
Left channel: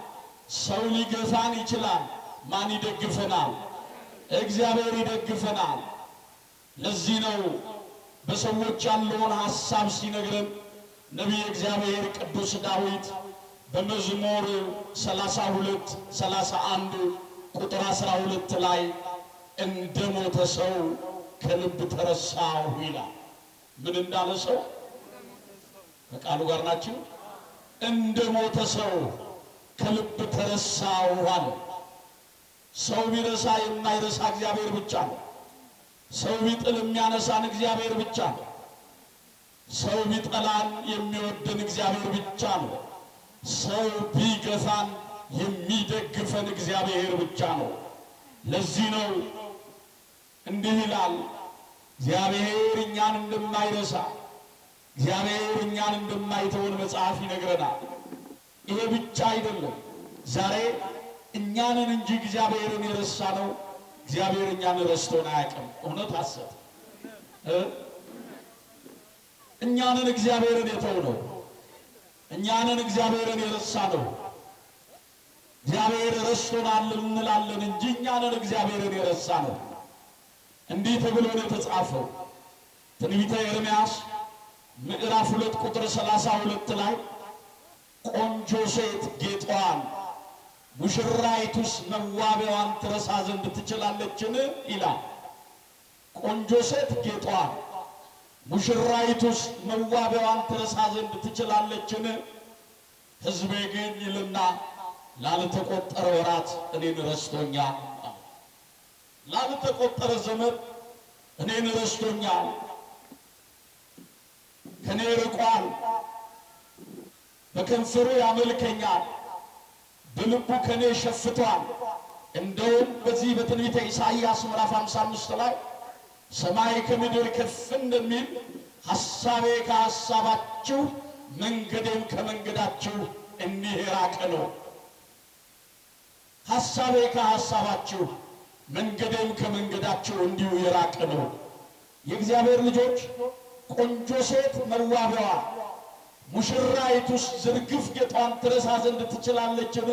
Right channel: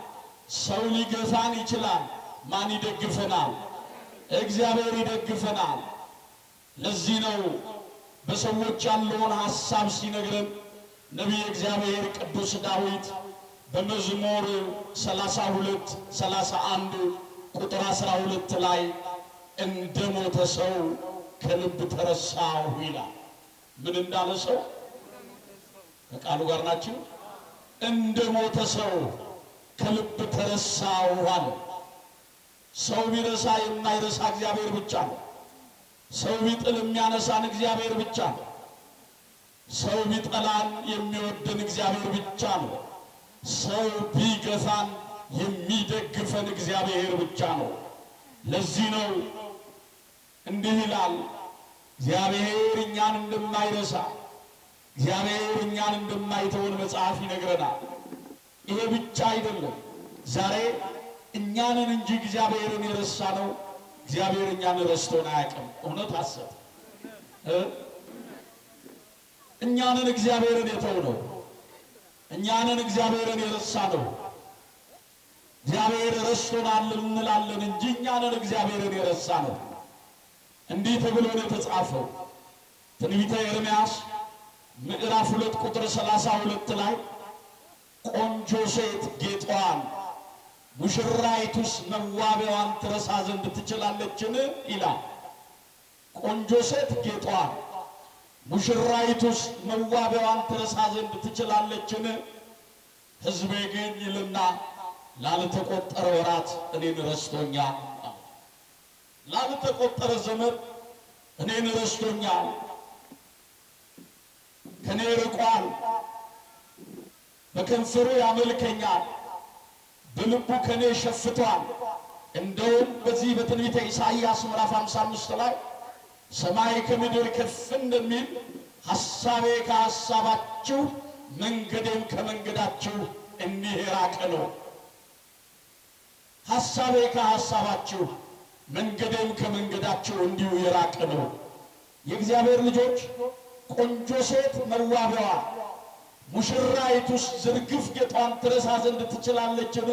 ሰው ሊገፋን ይችላል፣ ማን ይደግፈናል? እግዚአብሔር ይደግፈናል። ለዚህ ነው በሰዎች ያለውን ሐሳብ ሲነግረን ነቢየ እግዚአብሔር ቅዱስ ዳዊት በመዝሙር 32 31 ቁጥር 12 ላይ እንደ ሞተ ሰው ከልብ ተረሳሁ ይላል። ምን እንዳለ ሰው? ከቃሉ ጋር ናችሁ? እንደ ሞተ ሰው ከልብ ተረሳሁ አለ። ሰው ቢረሳ የማይረሳ እግዚአብሔር ብቻ ነው። ሰው ቢጥል የሚያነሳን እግዚአብሔር ብቻ ነው። ሰው ቢጠላን የሚወደን እግዚአብሔር ብቻ ነው። ሰው ቢገፋን የሚደግፈን እግዚአብሔር ብቻ ነው። ለዚህ ነው እንዲህ ይላል፣ እግዚአብሔር እኛን እንደማይረሳ እግዚአብሔር እኛን እንደማይተውን መጽሐፍ ይነግረናል። ይሄ ብቻ አይደለም። ዛሬ እኛንን እንጂ እግዚአብሔርን የረሳ ነው። እግዚአብሔር እኛን ረስቶን አያውቅም። እውነት ሐሰት? እኛንን እግዚአብሔርን የተው ነው። እኛንን እግዚአብሔርን የረሳ ነው። እግዚአብሔር ረስቶናል እንላለን እንጂ እኛንን እግዚአብሔርን የረሳ ነው። እንዲህ ተብሎ ነው የተጻፈው ትንቢተ ኤርምያስ ምዕራፍ 2 ቁጥር 32 ላይ ቆንጆ ሴት ጌጧን ሙሽራይቱስ መዋቢያዋን ትረሳ ዘንድ ትችላለችን ይላል። ቆንጆ ሴት ጌጧን ሙሽራይቱስ መዋቢያዋን ትረሳ ዘንድ ትችላለችን? ሕዝቤ ግን ይልና ላልተቆጠረ ወራት እኔን ረስቶኛል። ላልተቆጠረ ዘመን እኔን ረስቶኛል፣ ከኔ ርቋል። በከንፈሩ ያመልከኛል፣ በልቡ ከኔ ሸፍቷል። እንደውም በዚህ በትንቢተ ኢሳይያስ ምዕራፍ 55 ላይ ሰማይ ከምድር ከፍ እንደሚል ሐሳቤ ከሐሳባችሁ መንገዴም ከመንገዳችሁ እንዲህ የራቀ ነው። ሐሳቤ ከሐሳባችሁ መንገዴም ከመንገዳችሁ እንዲሁ የራቀ ነው። የእግዚአብሔር ልጆች ቆንጆ ሴት መዋቢያዋ ሙሽራይቱስ ዝርግፍ ጌጧን ትረሳ ዘንድ ትችላለችን?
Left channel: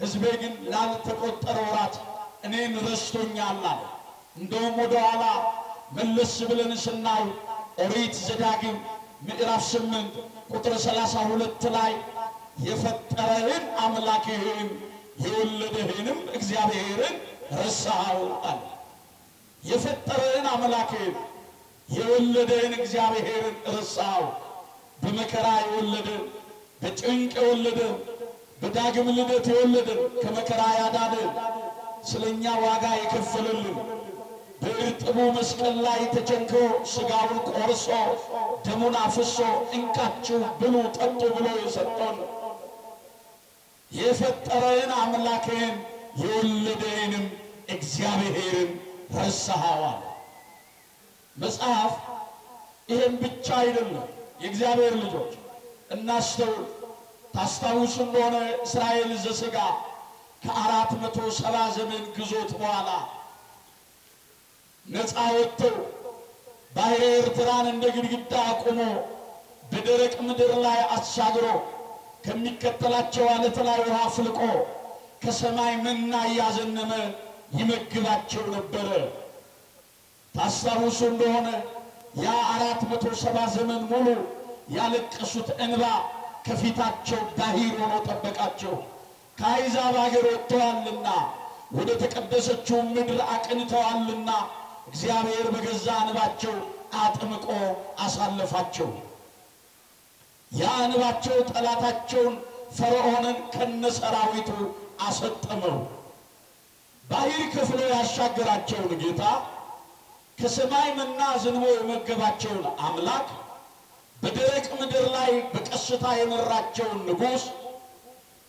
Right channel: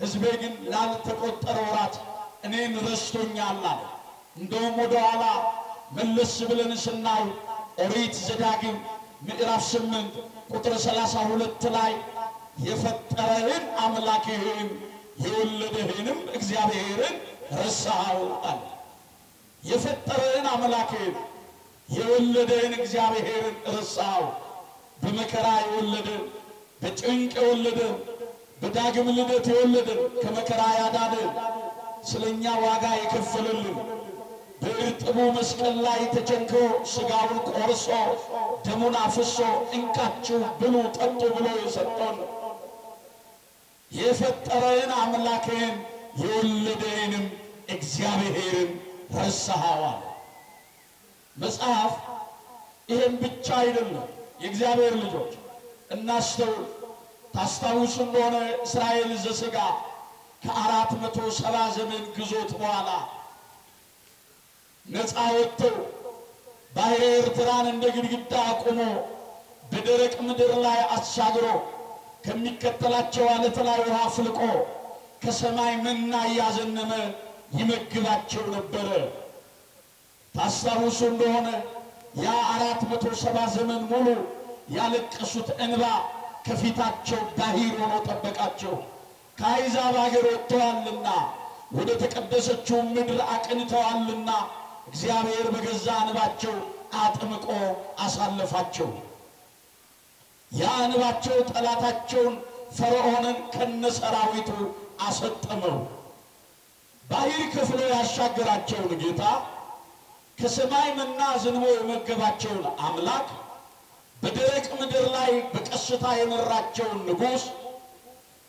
ሕዝቤ ግን ላልተቆጠረ ወራት እኔን ረስቶኛል አለ። እንደውም ወደ ኋላ መለስ ብለን ስናይ ኦሪት ዘዳግም ምዕራፍ 8 ቁጥር 32 ላይ የፈጠረህን አምላክህን የወለደህንም እግዚአብሔርን ረሳኸው አለ። የፈጠረህን አምላክህን የወለደህን እግዚአብሔርን ረሳኸው። በመከራ የወለደን፣ በጭንቅ የወለደን፣ በዳግም ልደት የወለደን፣ ከመከራ ያዳነን፣ ስለኛ ዋጋ የከፈለልን፣ በእርጥቡ መስቀል ላይ ተቸንክሮ ሥጋውን ቆርሶ ደሙን አፍሶ እንካችሁ ብሉ ጠጡ ብሎ የሰጠን የፈጠረህን አምላክህን የወለደህንም እግዚአብሔርን ረሳኸው አለ። መጽሐፍ ይሄን ብቻ አይደለም። የእግዚአብሔር ልጆች እናስተውል። ታስታውሱ እንደሆነ እስራኤል ዘሥጋ ከ470 ዘመን ግዞት በኋላ ነፃ ወጥተው ባሕረ ኤርትራን እንደ ግድግዳ አቁሞ በደረቅ ምድር ላይ አሻግሮ ከሚከተላቸው ዓለት ላይ ውሃ ፍልቆ ከሰማይ መና እያዘነመ ይመግባቸው ነበረ። ታስታውሱ እንደሆነ ያ 470 ዘመን ሙሉ ያለቀሱት እንባ ከፊታቸው ባሕር ሆኖ ጠበቃቸው። ከአሕዛብ አገር ወጥተዋልና ወደ ተቀደሰችው ምድር አቅንተዋልና እግዚአብሔር በገዛ እንባቸው አጥምቆ አሳለፋቸው። ያ እንባቸው ጠላታቸውን ፈርዖንን ከነሰራዊቱ አሰጠመው። ባሕር ከፍሎ ያሻገራቸውን ጌታ ከሰማይ መና ዝንቦ የመገባቸውን አምላክ በደረቅ ምድር ላይ በቀስታ የመራቸውን ንጉሥ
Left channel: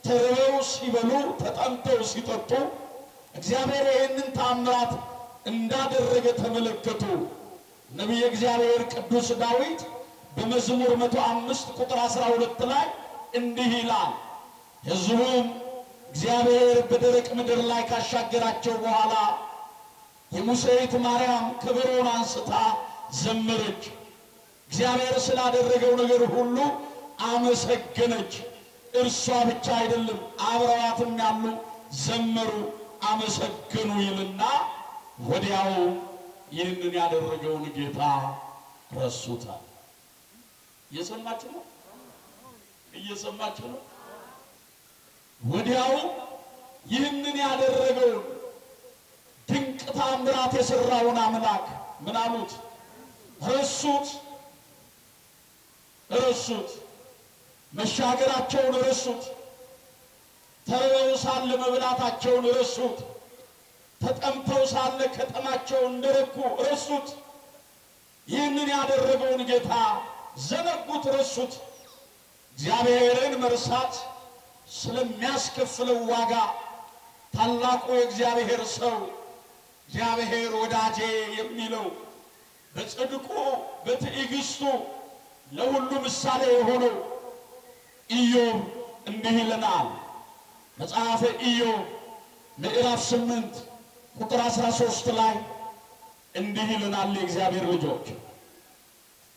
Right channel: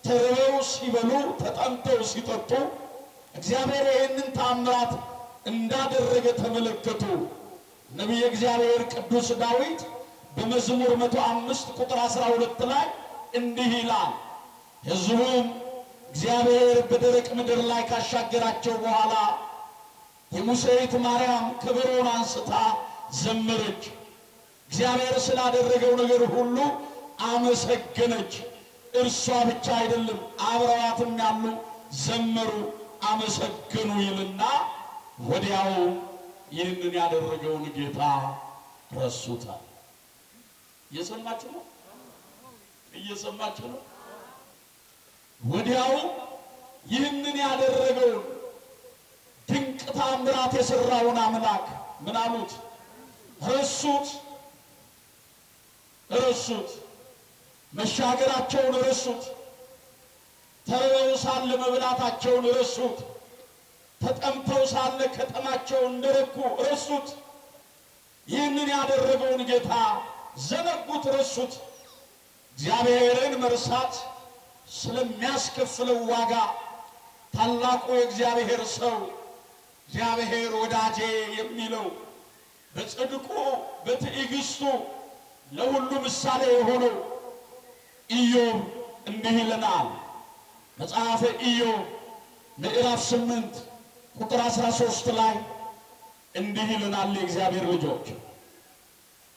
ተርበው ሲበሉ ተጠምተው ሲጠጡ እግዚአብሔር ይህንን ታምራት እንዳደረገ ተመለከቱ። ነቢየ እግዚአብሔር ቅዱስ ዳዊት በመዝሙር 105 ቁጥር 12 ላይ እንዲህ ይላል፣ ሕዝቡም እግዚአብሔር በደረቅ ምድር ላይ ካሻገራቸው በኋላ የሙሴይት ማርያም ከበሮን አንስታ ዘመረች። እግዚአብሔር ስላደረገው ነገር ሁሉ አመሰገነች። እርሷ ብቻ አይደለም አብረዋትም ያሉ ዘመሩ፣ አመሰገኑ ይልና ወዲያው ይህንን ያደረገውን ጌታ ረሱታል። እየሰማችሁ ነው? እየሰማችሁ ነው? ወዲያው ይህንን ያደረገውን ድንቅ ታምራት የሰራውን አምላክ ምን አሉት? ረሱት። መሻገራቸውን ረሱት። ተርበው ሳለ መብላታቸውን ረሱት። ተጠምተው ሳለ ከጠማቸው እንደረኩ ረሱት። ይህንን ያደረገውን ጌታ ዘነጉት፣ ረሱት። እግዚአብሔርን መርሳት ስለሚያስከፍለው ዋጋ ታላቁ የእግዚአብሔር ሰው እግዚአብሔር ወዳጄ የሚለው በጽድቁ በትዕግስቱ ለሁሉ ምሳሌ የሆነው ኢዮብ እንዲህ ይለናል። መጽሐፈ ኢዮብ ምዕራፍ 8 ቁጥር 13 ላይ እንዲህ ይለናል። የእግዚአብሔር ልጆች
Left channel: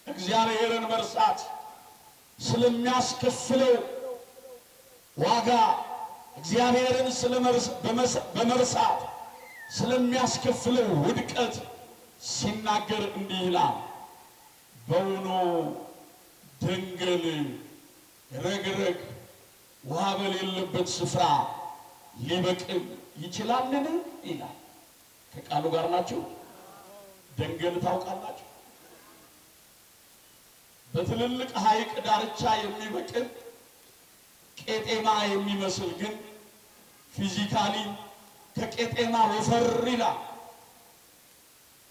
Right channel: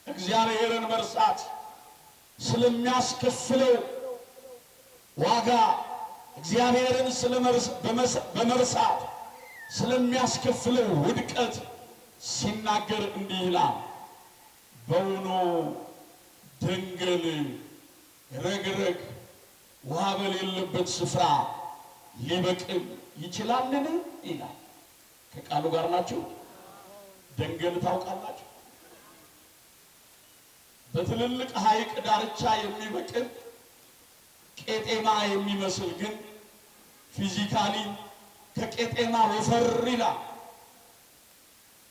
እግዚአብሔርን መርሳት ስለሚያስከፍለው ዋጋ እግዚአብሔርን በመርሳት ስለሚያስከፍለው ውድቀት ሲናገር እንዲህ ይላል። በውኑ ደንገል ረግረግ ውሃ በሌለበት ስፍራ ሊበቅል ይችላልን? ይላል። ከቃሉ ጋር ናችሁ? ደንገል ታውቃላችሁ? በትልልቅ ሐይቅ ዳርቻ የሚበቅል ቄጤማ የሚመስል ግን ፊዚካሊ ከቄጤማ ወፈር ይላል።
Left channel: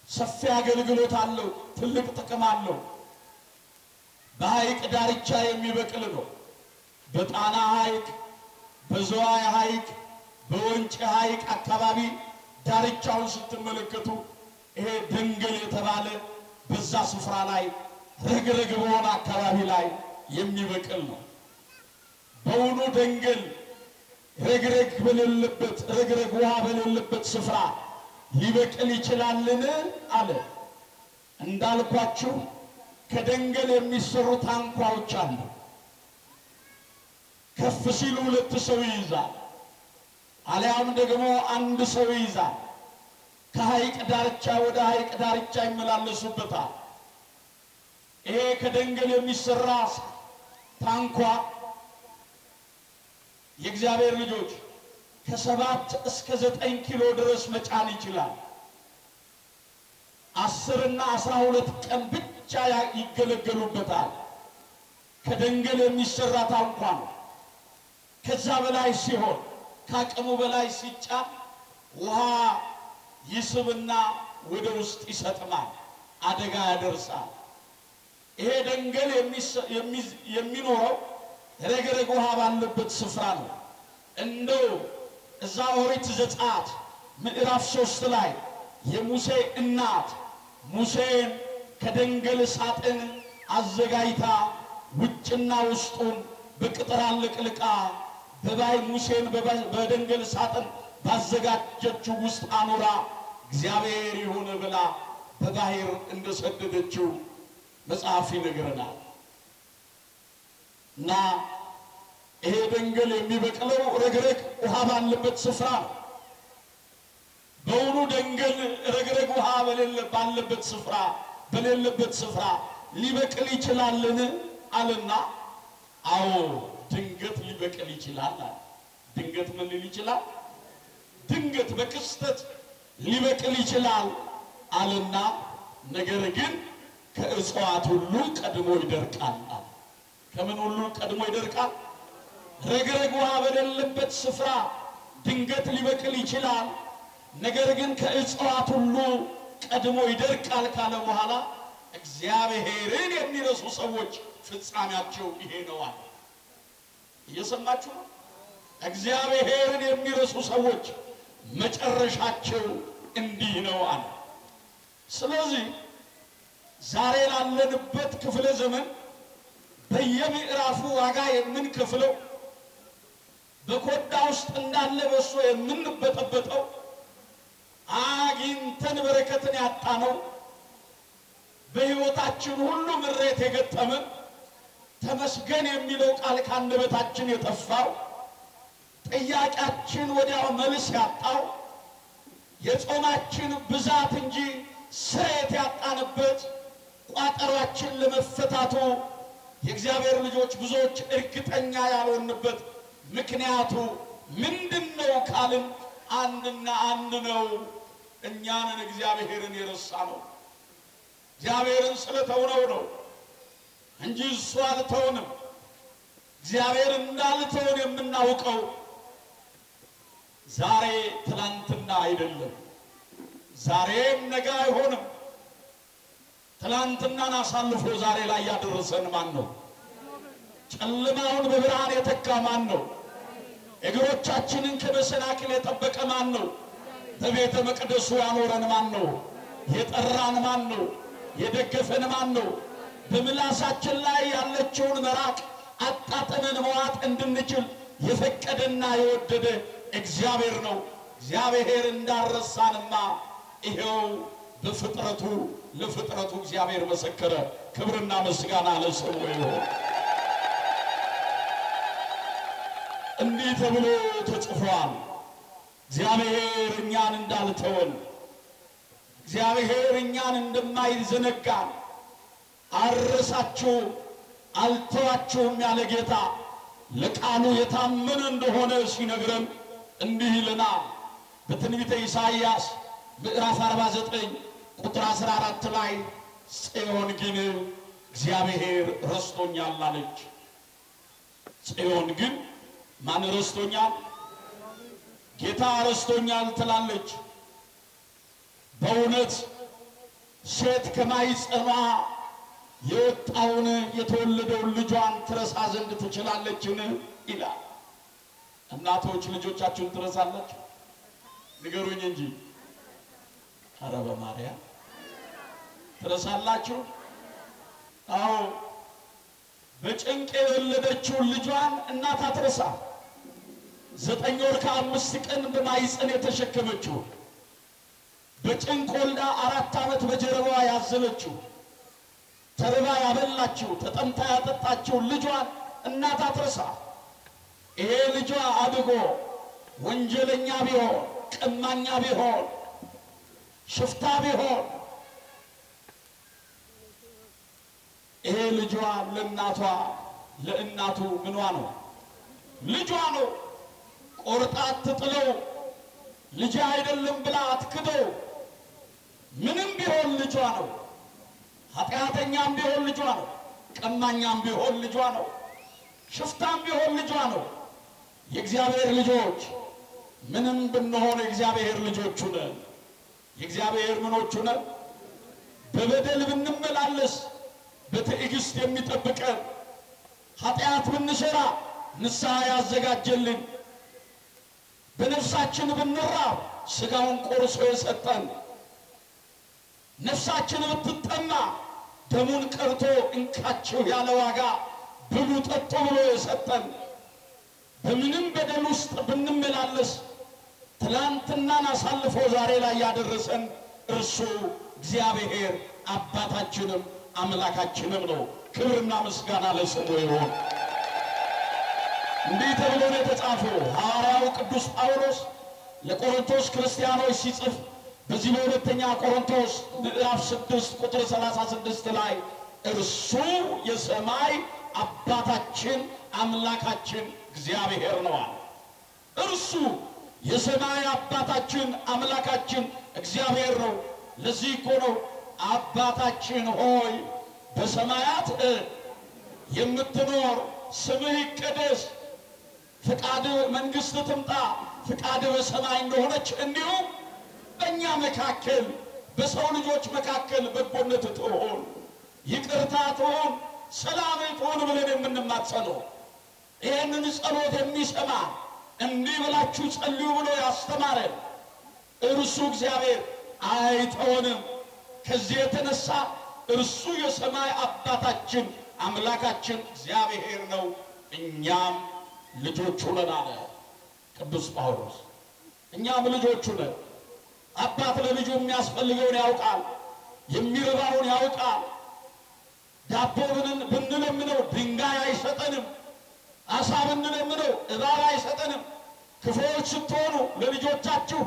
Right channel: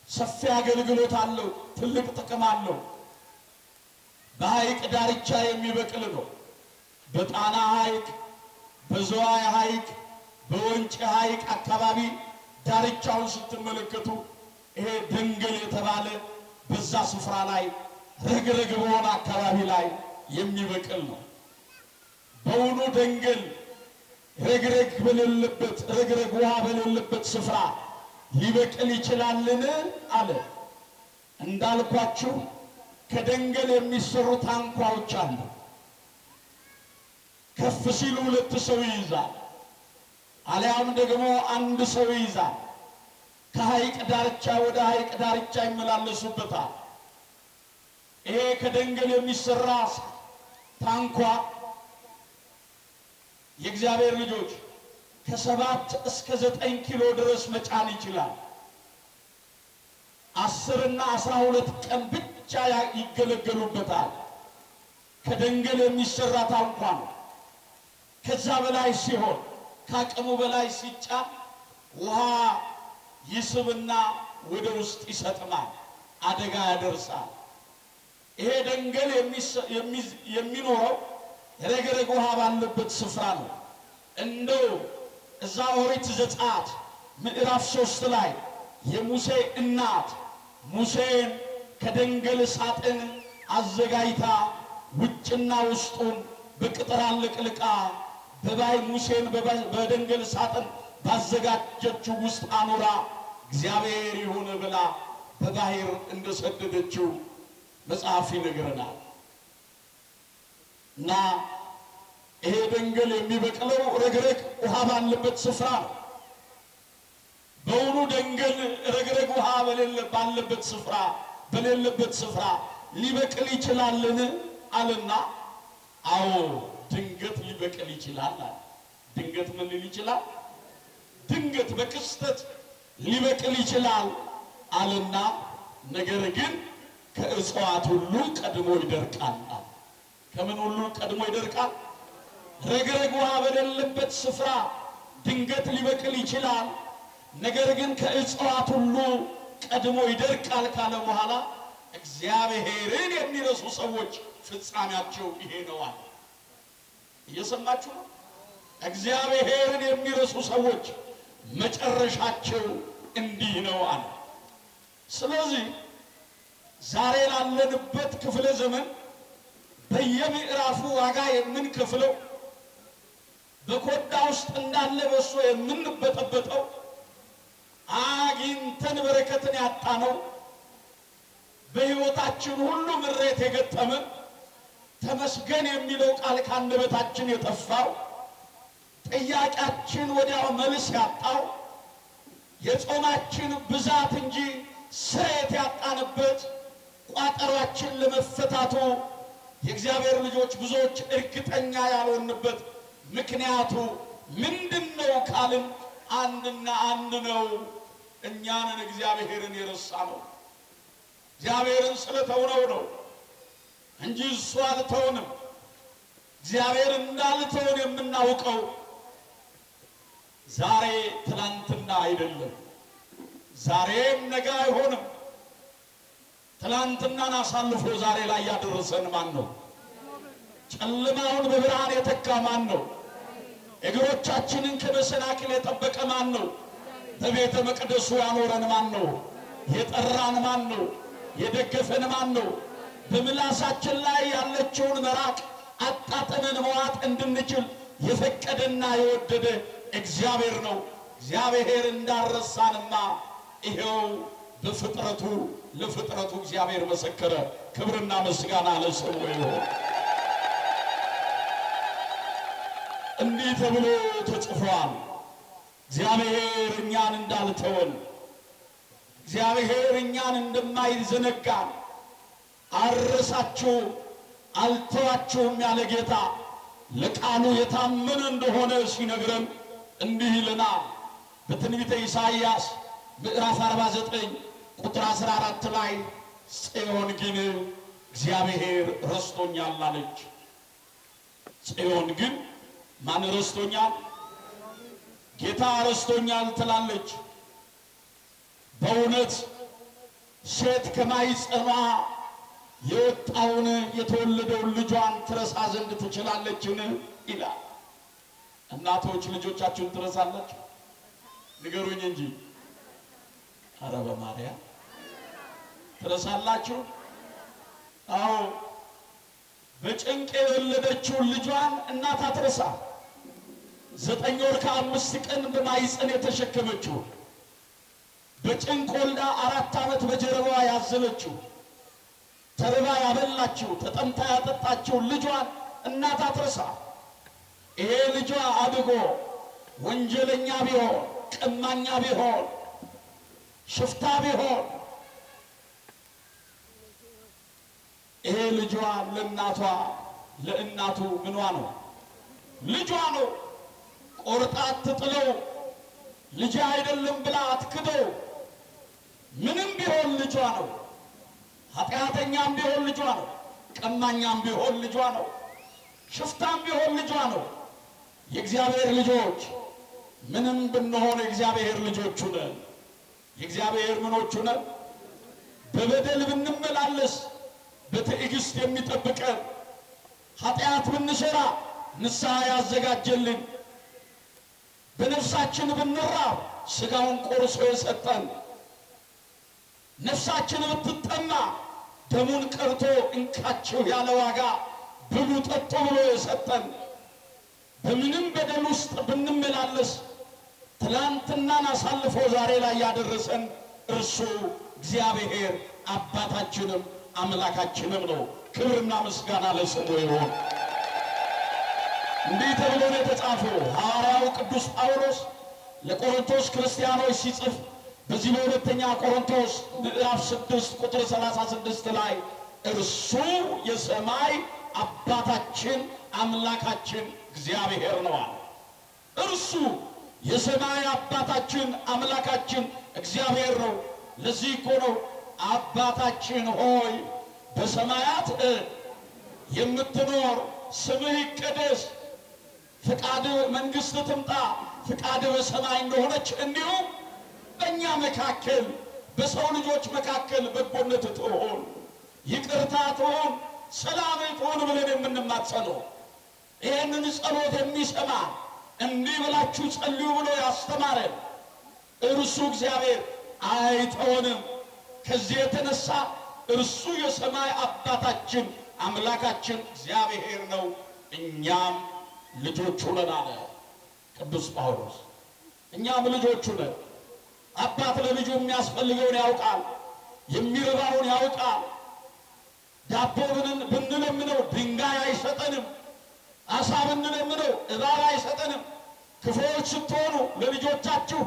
ሰፊ አገልግሎት አለው። ትልቅ ጥቅም አለው። በሐይቅ ዳርቻ የሚበቅል ነው። በጣና ሐይቅ፣ በዝዋይ ሐይቅ፣ በወንጭ ሐይቅ አካባቢ ዳርቻውን ስትመለከቱ ይሄ ደንገል የተባለ በዛ ስፍራ ላይ ረግረግ በሆነ አካባቢ ላይ የሚበቅል ነው። በውኑ ደንገል ረግረግ ውሃ በሌለበት ስፍራ ሊበቅል ይችላልን? አለ። እንዳልኳችሁ ከደንገል የሚሰሩ ታንኳዎች አሉ። ከፍ ሲሉ 2 ሰው ይይዛል፣ አሊያም ደግሞ 1 ሰው ይይዛል። ከሐይቅ ዳርቻ ወደ ሐይቅ ዳርቻ ይመላለሱበታል። ይሄ ከደንገል የሚሰራ ታንኳ የእግዚአብሔር ልጆች ከ7 እስከ 9 ኪሎ ድረስ መጫን ይችላል። 10 እና 12 ቀን ብቻ ይገለገሉበታል። ከደንገል የሚሰራ ታንኳ ነው። ከዛ በላይ ሲሆን ከአቅሙ በላይ ሲጫን ውሃ ይስብና ወደ ውስጥ ይሰጥማል፣ አደጋ ያደርሳል። ይሄ ደንገል የሚኖረው ረግረግ ውሃ ባለበት ስፍራ ነው። እንደው እዛ ኦሪት ዘጸአት ምዕራፍ 3 ላይ የሙሴ እናት ሙሴን ከደንገል ሳጥን አዘጋጅታ ውጭና ውስጡን በቅጥር አለቅልቃ ሙሴን በደንገል ሳጥን ባዘጋጀችው ውስጥ አኑራ እግዚአብሔር ይሁን ብላ በባህር እንደሰደደችው መጽሐፍ ይነግረናል። እና ይሄ ደንገል የሚበቅለው ረግረግ ውሃ ባለበት ስፍራ ነው። በውኑ ደንገል ረግረግ ውሃ በሌለበት ስፍራ ሊበቅል ይችላልን? አለና አዎ ድንገት ሊበቅል ይችላል። ድንገት ምን ሊል ይችላል? ድንገት በክስተት ሊበቅል ይችላል አለና ነገር ግን ከእጽዋት ሁሉ ቀድሞ ይደርቃል። ከምን ሁሉ ቀድሞ ይደርቃል? ረግረግ ውሃ በሌለበት ስፍራ ድንገት ሊበቅል ይችላል፣ ነገር ግን ከእጽዋት ሁሉ ቀድሞ ይደርቃል ካለ በኋላ እግዚአብሔርን የሚረሱ ሰዎች ፍጻሜያቸው ይሄ ነው አለ። እየሰማችሁ ነው? እግዚአብሔርን የሚረሱ ሰዎች መጨረሻቸው እንዲህ ነው አለ። ስለዚህ ዛሬ ላለንበት ክፍለ ዘመን በየምዕራፉ ዋጋ የምንከፍለው በኮዳ ውስጥ እንዳለ በሶ የምንበጠበጠው አግኝተን በረከትን ያጣነው በሕይወታችን ሁሉ ምሬት የገጠመን ተመስገን የሚለው ቃል ከአንደበታችን የጠፋው ጥያቄያችን ወዲያው መልስ ያጣው የጾማችን ብዛት እንጂ ስሬት ያጣንበት ቋጠሯችን ለመፈታቱ የእግዚአብሔር ልጆች ብዙዎች እርግጠኛ ያልሆንበት ምክንያቱ ምንድነው ካልን አንድና አንድ ነው። እኛንን እግዚአብሔርን የረሳ ነው። እግዚአብሔርን ስለተውነው ነው እንጂ እሱ አልተውንም። እግዚአብሔር እንዳልተውን የምናውቀው ዛሬ ትላንትና አይደለም፣ ዛሬም ነገ አይሆንም። ትላንትናን አሳልፎ ዛሬ ላይ ያደረሰን ማን ነው? ጨለማውን በብርሃን የተካ ማን ነው? እግሮቻችንን ከመሰናክል የጠበቀ ማን ነው? በቤተ መቅደሱ ያኖረን ማን ነው? የጠራን ማን ነው? የደገፈን ማን ነው? በምላሳችን ላይ ያለችውን መራቅ አጣጥመን መዋጥ እንድንችል የፈቀደና የወደደ እግዚአብሔር ነው። እግዚአብሔር እንዳረሳንማ ይሄው በፍጥረቱ ለፍጥረቱ እግዚአብሔር መሰከረ። ክብርና ምስጋና ለስሙ ይሁን። እንዲህ ተብሎ ተጽፏል። እግዚአብሔር እኛን እንዳልተወን፣ እግዚአብሔር እኛን እንደማይዘነጋን፣ አልረሳችሁም አልተዋችሁም ያለ ጌታ ለቃሉ የታመነ እንደሆነ ሲነግረን እንዲህ ይለናል። በትንቢተ ኢሳይያስ ምዕራፍ 49 ቁጥር 14 ላይ ጽዮን ግን እግዚአብሔር ረስቶኛል አለች። ጽዮን ግን ማን ረስቶኛል? ጌታ ረስቶኛል ትላለች። በእውነት ሴት ከማኅፀኗ የወጣውን የተወለደውን ልጇን ትረሳ ዘንድ ትችላለችን? ይላል። እናቶች ልጆቻችሁን ትረሳላችሁ? ንገሩኝ እንጂ። ኧረ በማርያም ትረሳላችሁ? አዎ፣ በጭንቅ የወለደችውን ልጇን እናት አትረሳ። 9 ወር ከ5 ቀን በማኅፀን የተሸከመችው፣ በጭንቅ ወልዳ 4 ዓመት በጀርባዋ ያዘለችው፣ ተርባ ያበላችው፣ ተጠምታ ያጠጣችው ልጇን እናት አትረሳ። ይሄ ልጇ አድጎ ወንጀለኛ ቢሆን፣ ቀማኛ ቢሆን፣ ሽፍታ ቢሆን ይሄ ልጇ ለእናቱ ምኗ ነው? ልጇ ነው። ቆርጣ አትጥለው። ልጅ አይደለም ብላ አትክደው። ምንም ቢሆን ልጇ ነው። ኃጢአተኛም ቢሆን ልጇ ነው። ቀማኛም ቢሆን ልጇ ነው። ሽፍታም ቢሆን ልጇ ነው። የእግዚአብሔር ልጆች ምንም ብንሆን የእግዚአብሔር ልጆቹ ነን። የእግዚአብሔር ምኖቹ ነን። በበደል ብንመላለስ በትዕግስት የሚጠብቀን፣ ኃጢአት ብንሰራ ንስሐ ያዘጋጀልን፣ በነፍሳችን ብንራብ ሥጋውን ቆርሶ የሰጠን፣ ነፍሳችን ብትጠማ ደሙን ቀርቶ እንካችሁ ያለ ዋጋ ብሉ ጠጡ ብሎ የሰጠን፣ በምንም በደል ውስጥ ብንመላለስ ትላንትናን አሳልፎ ዛሬ ላይ ያደረሰን እርሱ እግዚአብሔር አባታችንም አምላካችንም ነው። ክብርና ምስጋና ለስሙ ይሁን። እንዲህ ተብሎ ነው የተጻፈው። ሐዋርያው ቅዱስ ጳውሎስ ለቆሮንቶስ ክርስቲያኖች ሲጽፍ በዚህ በሁለተኛ ቆሮንቶስ ምዕራፍ 6 ቁጥር 36 ላይ እርሱ የሰማይ አባታችን አምላካችን እግዚአብሔር ነው አለ። እርሱ የሰማይ አባታችን አምላካችን እግዚአብሔር ነው። ለዚህ እኮ ነው አባታችን ሆይ በሰማያት የምትኖር ስምህ ይቀደስ፣ ፍቃድ መንግሥት ትምጣ፣ ፍቃድ በሰማይ እንደሆነች እንዲሁም በእኛ መካከል በሰው ልጆች መካከል በጎነት ትሆን፣ ይቅርታ ትሆን፣ ሰላም ትሆን ብለን የምንማጸነው ይህንን ጸሎት የሚሰማ እንዲህ ብላችሁ ጸልዩ ብሎ ያስተማረን እርሱ እግዚአብሔር አይተወንም። ከዚህ የተነሳ እርሱ የሰማይ አባታችን አምላካችን እግዚአብሔር ነው፣ እኛም ልጆቹ ነን አለ ቅዱስ ጳውሎስ። እኛም ልጆቹ ነን። አባት ለልጁ የሚያስፈልገውን ያውቃል፣ የሚርባውን ያውቃል። ዳቦ ብንለምነው ድንጋይ አይሰጠንም፣ አሳ ብንለምነው እባብ አይሰጠንም። ክፉዎች ስትሆኑ ለልጆቻችሁ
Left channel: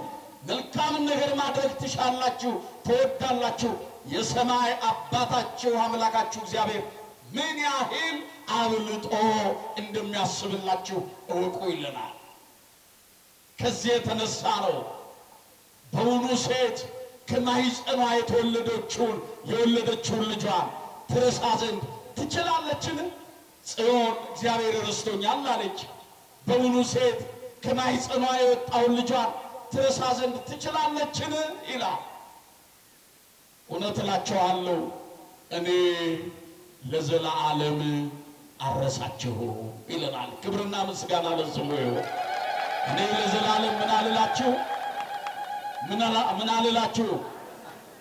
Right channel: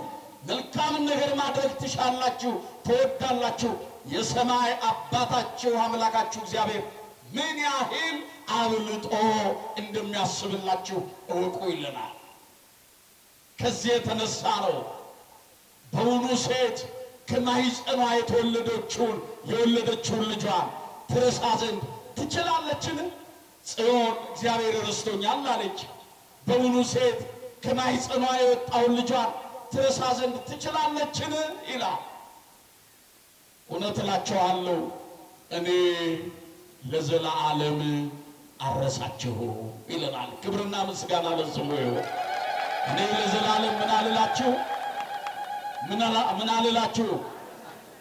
መልካምን ነገር ማድረግ ትሻላችሁ፣ ትወዳላችሁ። የሰማይ አባታችሁ አምላካችሁ እግዚአብሔር ምን ያህል አብልጦ እንደሚያስብላችሁ እወቁ ይለናል። ከዚህ የተነሳ ነው በውኑ ሴት ከማኅፀኗ የወለደችውን ልጇን ትረሳ ዘንድ ትችላለችን? ጽዮን እግዚአብሔር ረስቶኛል አለች። በውኑ ሴት ከማኅፀኗ የወጣውን ልጇን ትረሳ ዘንድ ትችላለችን? ይላል። እውነት እላችኋለሁ እኔ ለዘላለም አረሳችሁ ይለናል። ክብርና ምስጋና ለስሙ ይሁን። እኔ ለዘላለም ምን አልላችሁ?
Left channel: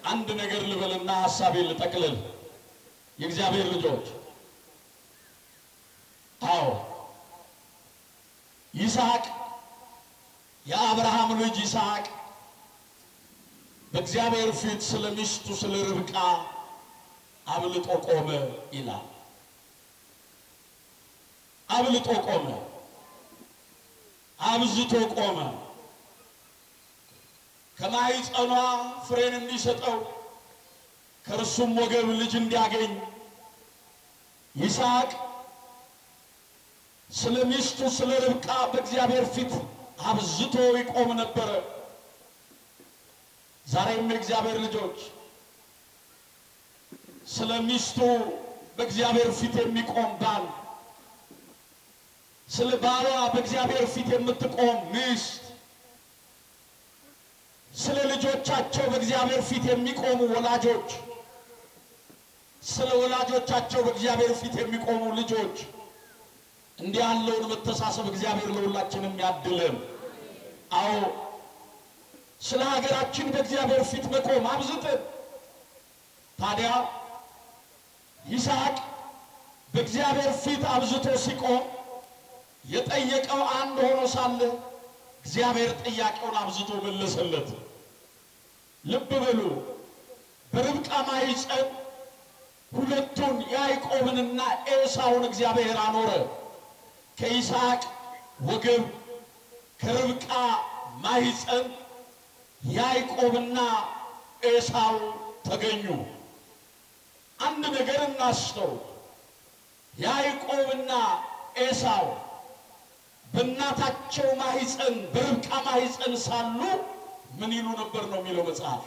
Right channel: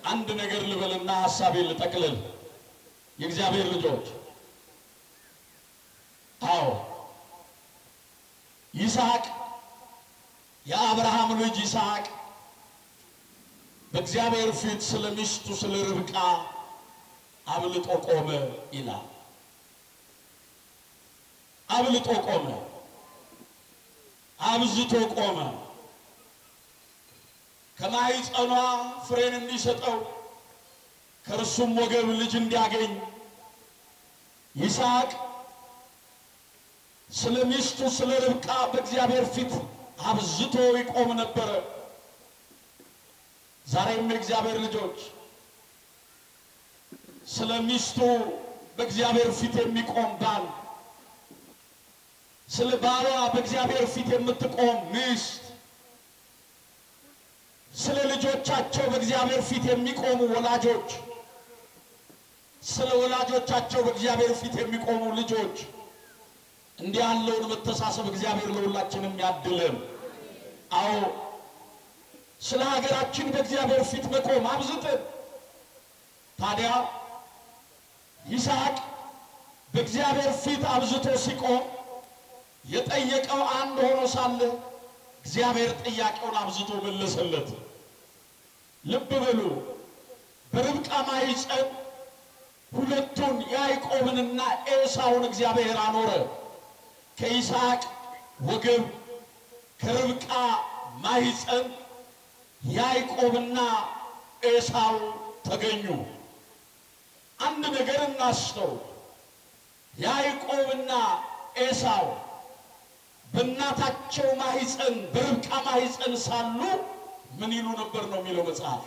አንድ ነገር ልበልና ሐሳቤን ልጠቅልል። የእግዚአብሔር ልጆች፣ አዎ ይስሐቅ የአብርሃም ልጅ ይስሐቅ በእግዚአብሔር ፊት ስለ ሚስቱ ስለ ርብቃ አብልጦ ቆመ ይላል። አብልጦ ቆመ፣ አብዝቶ ቆመ። ከማኅፀኗ ፍሬን እንዲሰጠው ከእርሱም ወገብ ልጅ እንዲያገኝ ይስሐቅ ስለ ሚስቱ ስለ ርብቃ በእግዚአብሔር ፊት አብዝቶ ይቆም ነበረ። ዛሬም የእግዚአብሔር ልጆች ስለ ሚስቱ በእግዚአብሔር ፊት የሚቆም ባል፣ ስለ ባሏ በእግዚአብሔር ፊት የምትቆም ሚስት፣ ስለ ልጆቻቸው በእግዚአብሔር ፊት የሚቆሙ ወላጆች፣ ስለ ወላጆቻቸው በእግዚአብሔር ፊት የሚቆሙ ልጆች፣ እንዲህ ያለውን መተሳሰብ እግዚአብሔር ለሁላችንም ያድለን። አዎ ስለ ሀገራችን በእግዚአብሔር ፊት መቆም አብዝተን። ታዲያ ይስሐቅ በእግዚአብሔር ፊት አብዝቶ ሲቆም የጠየቀው አንድ ሆኖ ሳለ እግዚአብሔር ጥያቄውን አብዝቶ መለሰለት። ልብ በሉ፣ በርብቃ ማኅፀን ሁለቱን ያዕቆብንና ኤሳውን እግዚአብሔር አኖረ። ከይስሐቅ ወገብ ከርብቃ ማኅፀን ያዕቆብና ኤሳው ተገኙ። አንድ ነገር እናስተው። ያዕቆብና ኤሳው በእናታቸው ማኅፀን በርብቃ ማኅፀን ሳሉ ምን ይሉ ነበር ነው የሚለው መጽሐፍ።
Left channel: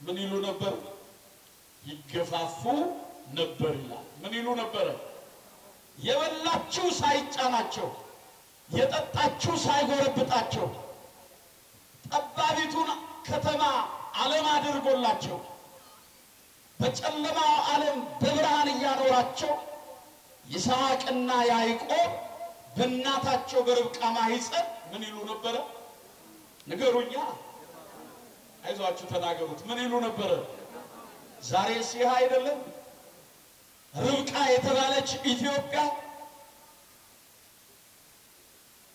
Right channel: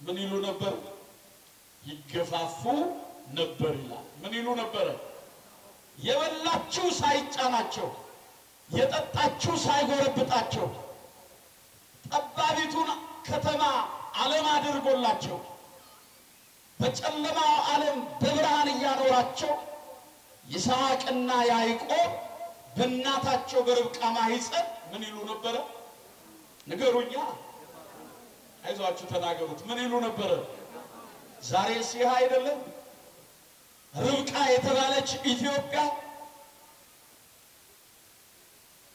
ምን ይሉ ነበር? ይገፋፉ ነበር ይላል። ምን ይሉ ነበር? የበላችሁ ሳይጫናቸው፣ የጠጣችሁ ሳይጎረብጣቸው፣ ጠባቢቱን ከተማ ዓለም አድርጎላቸው በጨለማው ዓለም በብርሃን እያኖራቸው ይስሐቅና ያዕቆብ በእናታቸው በርብቃ ማኅፀን ምን ይሉ ነበረ? ንገሩኛ፣ አይዟችሁ ተናገሩት። ምን ይሉ ነበረ? ዛሬ ሲህ አይደለም? ርብቃ የተባለች ኢትዮጵያ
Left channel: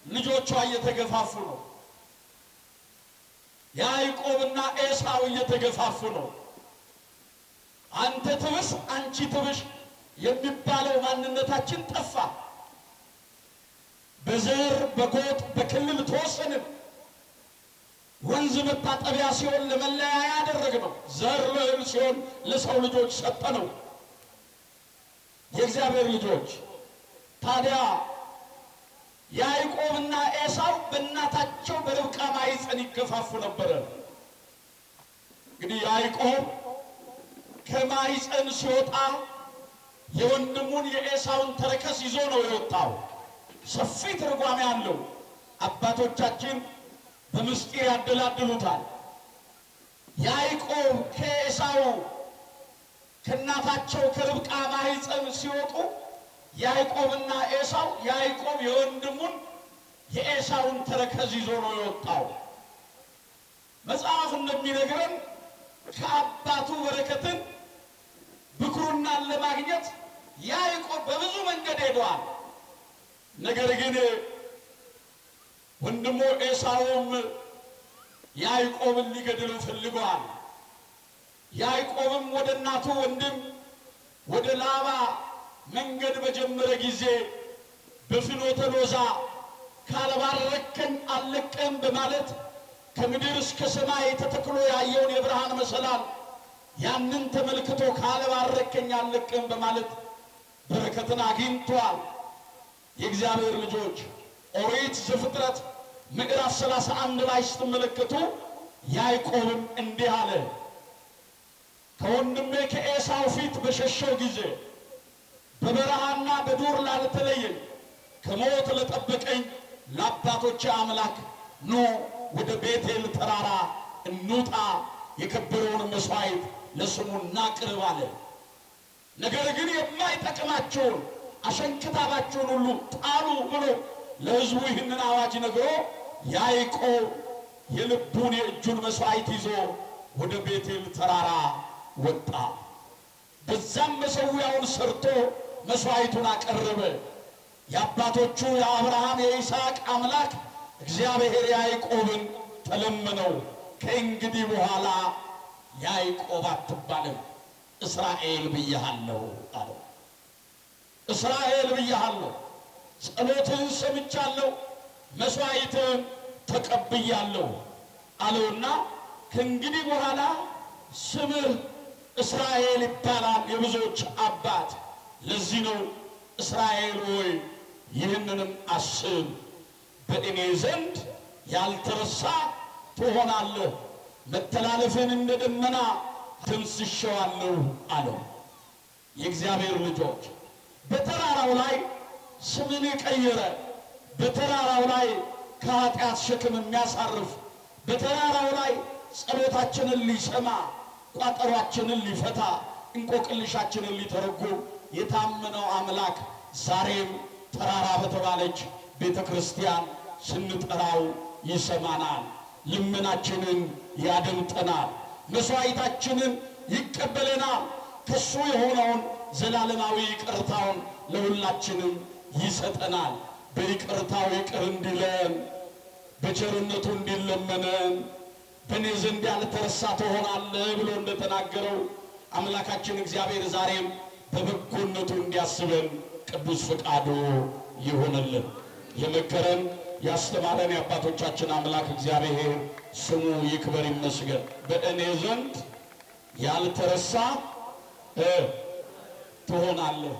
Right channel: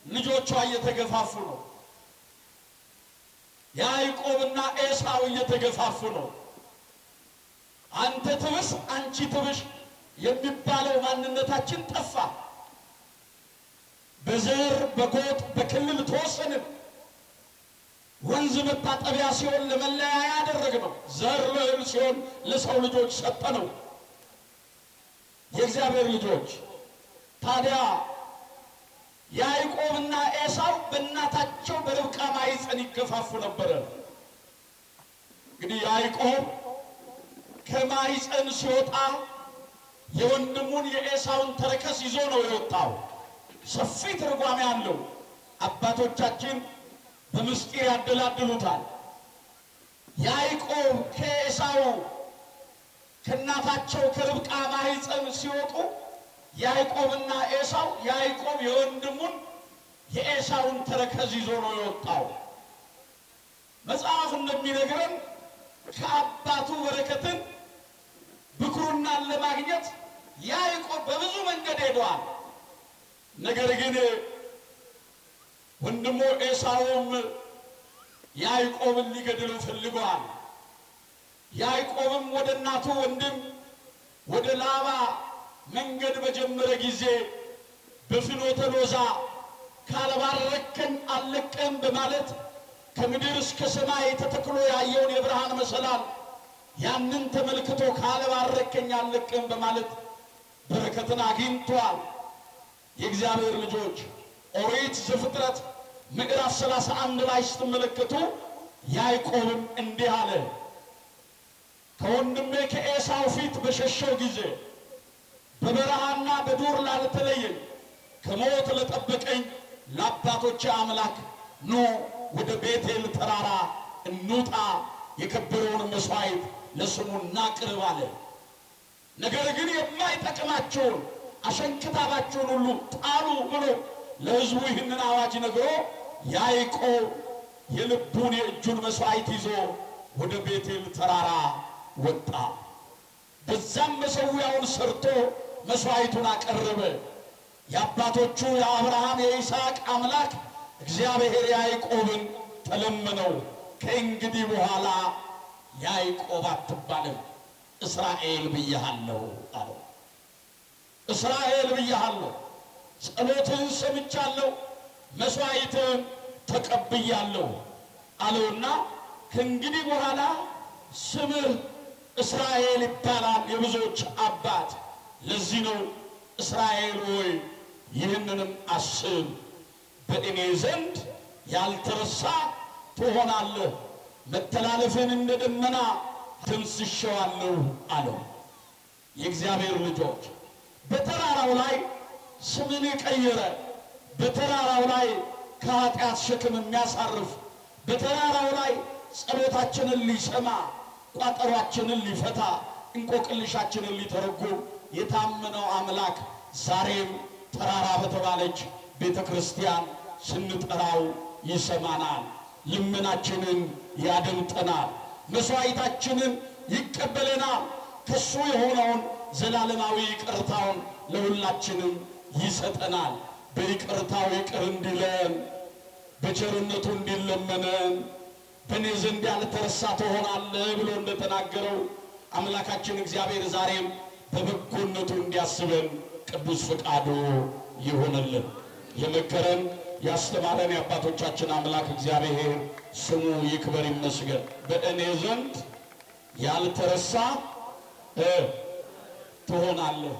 ልጆቿ እየተገፋፉ ነው። ያዕቆብና ኤሳው እየተገፋፉ ነው። አንተ ትብስ አንቺ ትብሽ የሚባለው ማንነታችን ጠፋ። በዘር በጎጥ በክልል ተወሰንን። ወንዝ መታጠቢያ ሲሆን ለመለያያ ያደረግነው፣ ዘር ለእህል ሲሆን ለሰው ልጆች ሰጠነው። የእግዚአብሔር ልጆች ታዲያ ያዕቆብና ኤሳው በእናታቸው በርብቃ ማኅፀን ይገፋፉ ነበረ። እንግዲህ ያዕቆብ ከማኅፀን ሲወጣ የወንድሙን የኤሳውን ተረከዝ ይዞ ነው የወጣው። ሰፊ ትርጓሜ አለው። አባቶቻችን በምስጢር ያደላድሉታል። ያዕቆብ ከኤሳው ከእናታቸው ከርብቃ ማኅፀን ሲወጡ ያዕቆብና ኤሳው ያዕቆብ የወንድሙን የኤሳውን ተረከዝ ይዞ ነው የወጣው። መጽሐፍ እንደሚነግረን ከአባቱ በረከትን ብኩርናን ለማግኘት ያዕቆብ በብዙ መንገድ ሄዷል። ነገር ግን ወንድሙ ኤሳውም ያዕቆብን ሊገድለው ፈልጓል። ያዕቆብም ወደ እናቱ ወንድም ወደ ላባ መንገድ በጀመረ ጊዜ በፍኖተ ሎዛ ካልባረከኝ አልለቅህም በማለት ከምድር እስከ ሰማይ ተተክሎ ያየውን የብርሃን መሰላል ያንን ተመልክቶ ካልባረከኝ አልለቅህም በማለት በረከትን አግኝቷል። የእግዚአብሔር ልጆች ኦሪት ዘፍጥረት ምዕራፍ 31 ላይ ስትመለከቱ ያዕቆብም እንዲህ አለ፣ ከወንድሜ ከኤሳው ፊት በሸሸው ጊዜ በበረሃና በዱር ላልተለየኝ ከሞት ለጠበቀኝ ለአባቶቼ አምላክ ኖ ወደ ቤቴል ተራራ እንውጣ፣ የከበረውን መስዋዕት ለስሙ እናቅርብ አለ። ነገር ግን የማይጠቅማቸውን አሸንክታባቸውን ሁሉ ጣሉ ብሎ ለሕዝቡ ይህንን አዋጅ ነግሮ ያዕቆብ የልቡን የእጁን መስዋዕት ይዞ ወደ ቤቴል ተራራ ወጣ። በዛም መሠዊያውን ሰርቶ መስዋዕቱን አቀረበ። የአባቶቹ የአብርሃም የይስሐቅ አምላክ እግዚአብሔር ያዕቆብን ተለመነው፣ ከእንግዲህ በኋላ ያዕቆብ አትባልም እስራኤል ብያለሁ አለው። እስራኤል ብያለሁ፣ ጸሎትህን ሰምቻለሁ፣ መስዋዕትህን ተቀብያለሁ አለውና ከእንግዲህ በኋላ ስምህ እስራኤል ይባላል፣ የብዙዎች አባት። ለዚህ ነው እስራኤል ሆይ ይህንንም አስብ፣ በእኔ ዘንድ ያልተረሳ ትሆናለህ፣ መተላለፍን እንደ ደመና ደምስሼዋለሁ አለው። የእግዚአብሔር ልጆች በተራራው ላይ ስምን የቀየረ፣ በተራራው ላይ ከኃጢአት ሸክም የሚያሳርፍ፣ በተራራው ላይ ጸሎታችንን ሊሰማ፣ ቋጠሯችንን ሊፈታ፣ እንቆቅልሻችንን ሊተረጉም የታመነው አምላክ ዛሬም ተራራ በተባለች ቤተ ክርስቲያን ስንጠራው ይሰማናል፣ ልመናችንን ያደምጠናል፣ መስዋዕታችንን ይቀበለናል። ከሱ የሆነውን ዘላለማዊ ይቅርታውን ለሁላችንም ይሰጠናል። በይቅርታው ይቅር እንዲለን፣ በቸርነቱ እንዲለመነን፣ በእኔ ዘንድ ያልተረሳ ትሆናለህ ብሎ እንደተናገረው አምላካችን እግዚአብሔር ዛሬም በበጎነቱ እንዲያስበን ቅዱስ ፈቃዱ ይሆንልን። የመከረን ያስተማረን የአባቶቻችን አምላክ እግዚአብሔር ስሙ ይክበር ይመስገን። በእኔ ዘንድ ያልተረሳ ትሆናለህ።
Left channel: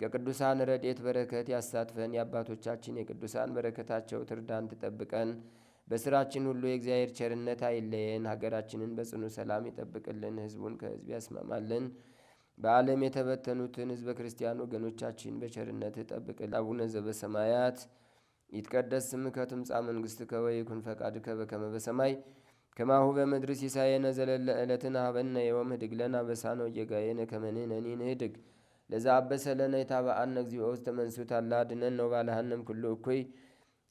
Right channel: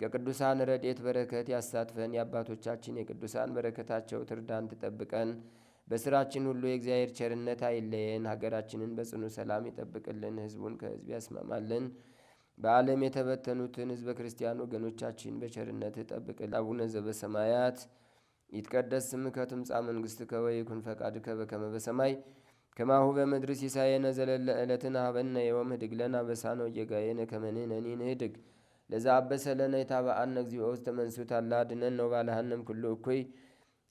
ከቅዱሳን ረድኤት በረከት ያሳትፈን። የአባቶቻችን የቅዱሳን በረከታቸው ትርዳን ትጠብቀን። በስራችን ሁሉ የእግዚአብሔር ቸርነት አይለየን። ሀገራችንን በጽኑ ሰላም ይጠብቅልን፣ ሕዝቡን ከሕዝብ ያስማማልን። በዓለም የተበተኑትን ሕዝበ ክርስቲያን ወገኖቻችን በቸርነት ጠብቅልን። አቡነ ዘበሰማያት ይትቀደስ ስምከ ትምጻእ መንግሥትከ ወይኩን ፈቃድከ በከመ በሰማይ ከማሁ በምድር ሲሳየነ ዘለለ ዕለትነ ሀበነ ዮም ህድግ ለነ አበሳነ ወጌጋየነ ከመ ንሕነኒ ንህድግ ለዘአበሰለነ የታበአነ እግዚኦ ውስተ መንሱት አላ አድኅነነ ወባልሐነም ኩሉ እኩይ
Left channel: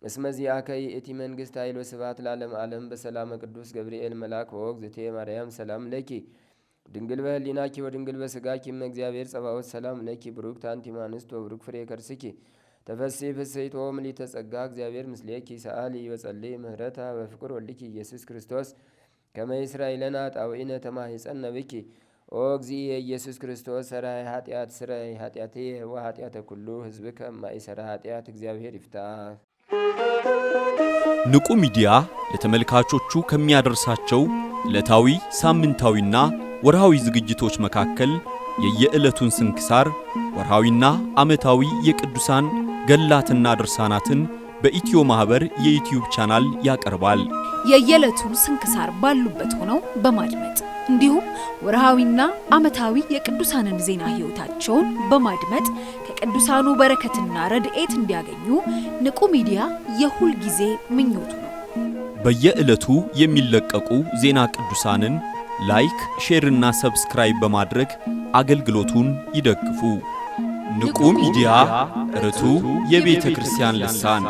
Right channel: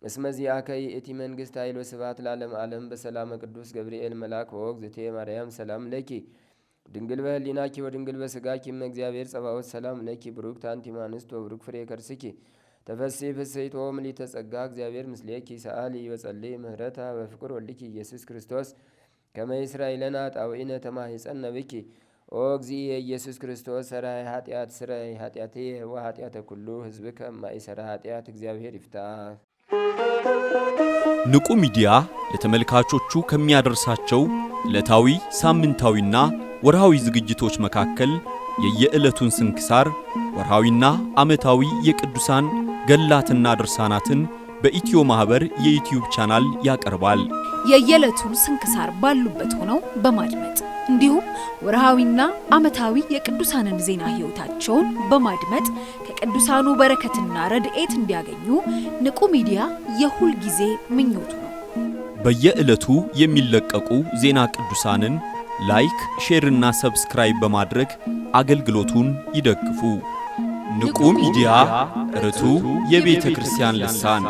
እስመ ዚአከ ይእቲ መንግሥት ኃይል ወስብሐት ለዓለመ ዓለም። በሰላመ ቅዱስ ገብርኤል መልአክ ወእግዝእትየ ማርያም ሰላም ለኪ ድንግል በህሊናኪ ወድንግል በሥጋኪ እመ እግዚአብሔር ጸባኦት ሰላም ለኪ ብሩክት አንቲ እምአንስት ወብሩክ ፍሬ ከርስኪ ተፈሥሒ ፍሥሕት ምልዕተ ጸጋ እግዚአብሔር ምስሌኪ ሰአሊ ወጸልይ ምህረታ በፍቅር ወልኪ ኢየሱስ ክርስቶስ ከመ ይስራይ ለነ ኃጣውኢነ ተማሂፀነ ብኪ ኦ እግዚእ ኢየሱስ ክርስቶስ ሠራይ ኃጢአት ስራይ ኃጢአትየ ወኃጢአተ ኩሉ ሕዝብ ከማይሰራ ኃጢአት እግዚአብሔር ይፍታ። ንቁ ሚዲያ ለተመልካቾቹ ከሚያደርሳቸው ዕለታዊ ሳምንታዊና ወርሃዊ ዝግጅቶች መካከል የየዕለቱን ስንክሳር ወርሃዊና ዓመታዊ የቅዱሳን ገላትና ድርሳናትን በኢትዮ ማህበር የዩቲዩብ ቻናል ያቀርባል። የየዕለቱን ስንክሳር ባሉበት ሆነው በማድመጥ እንዲሁም ወርሃዊና ዓመታዊ የቅዱሳንን ዜና ሕይወታቸውን በማድመጥ ከቅዱሳኑ በረከትና ረድኤት እንዲያገኙ ንቁ ሚዲያ የሁል ጊዜ ምኞቱ ነው። በየዕለቱ የሚለቀቁ ዜና ቅዱሳንን ላይክ፣ ሼር እና ሰብስክራይብ በማድረግ አገልግሎቱን ይደግፉ። ንቁ ሚዲያ ርቱ የቤተ ክርስቲያን ልሳን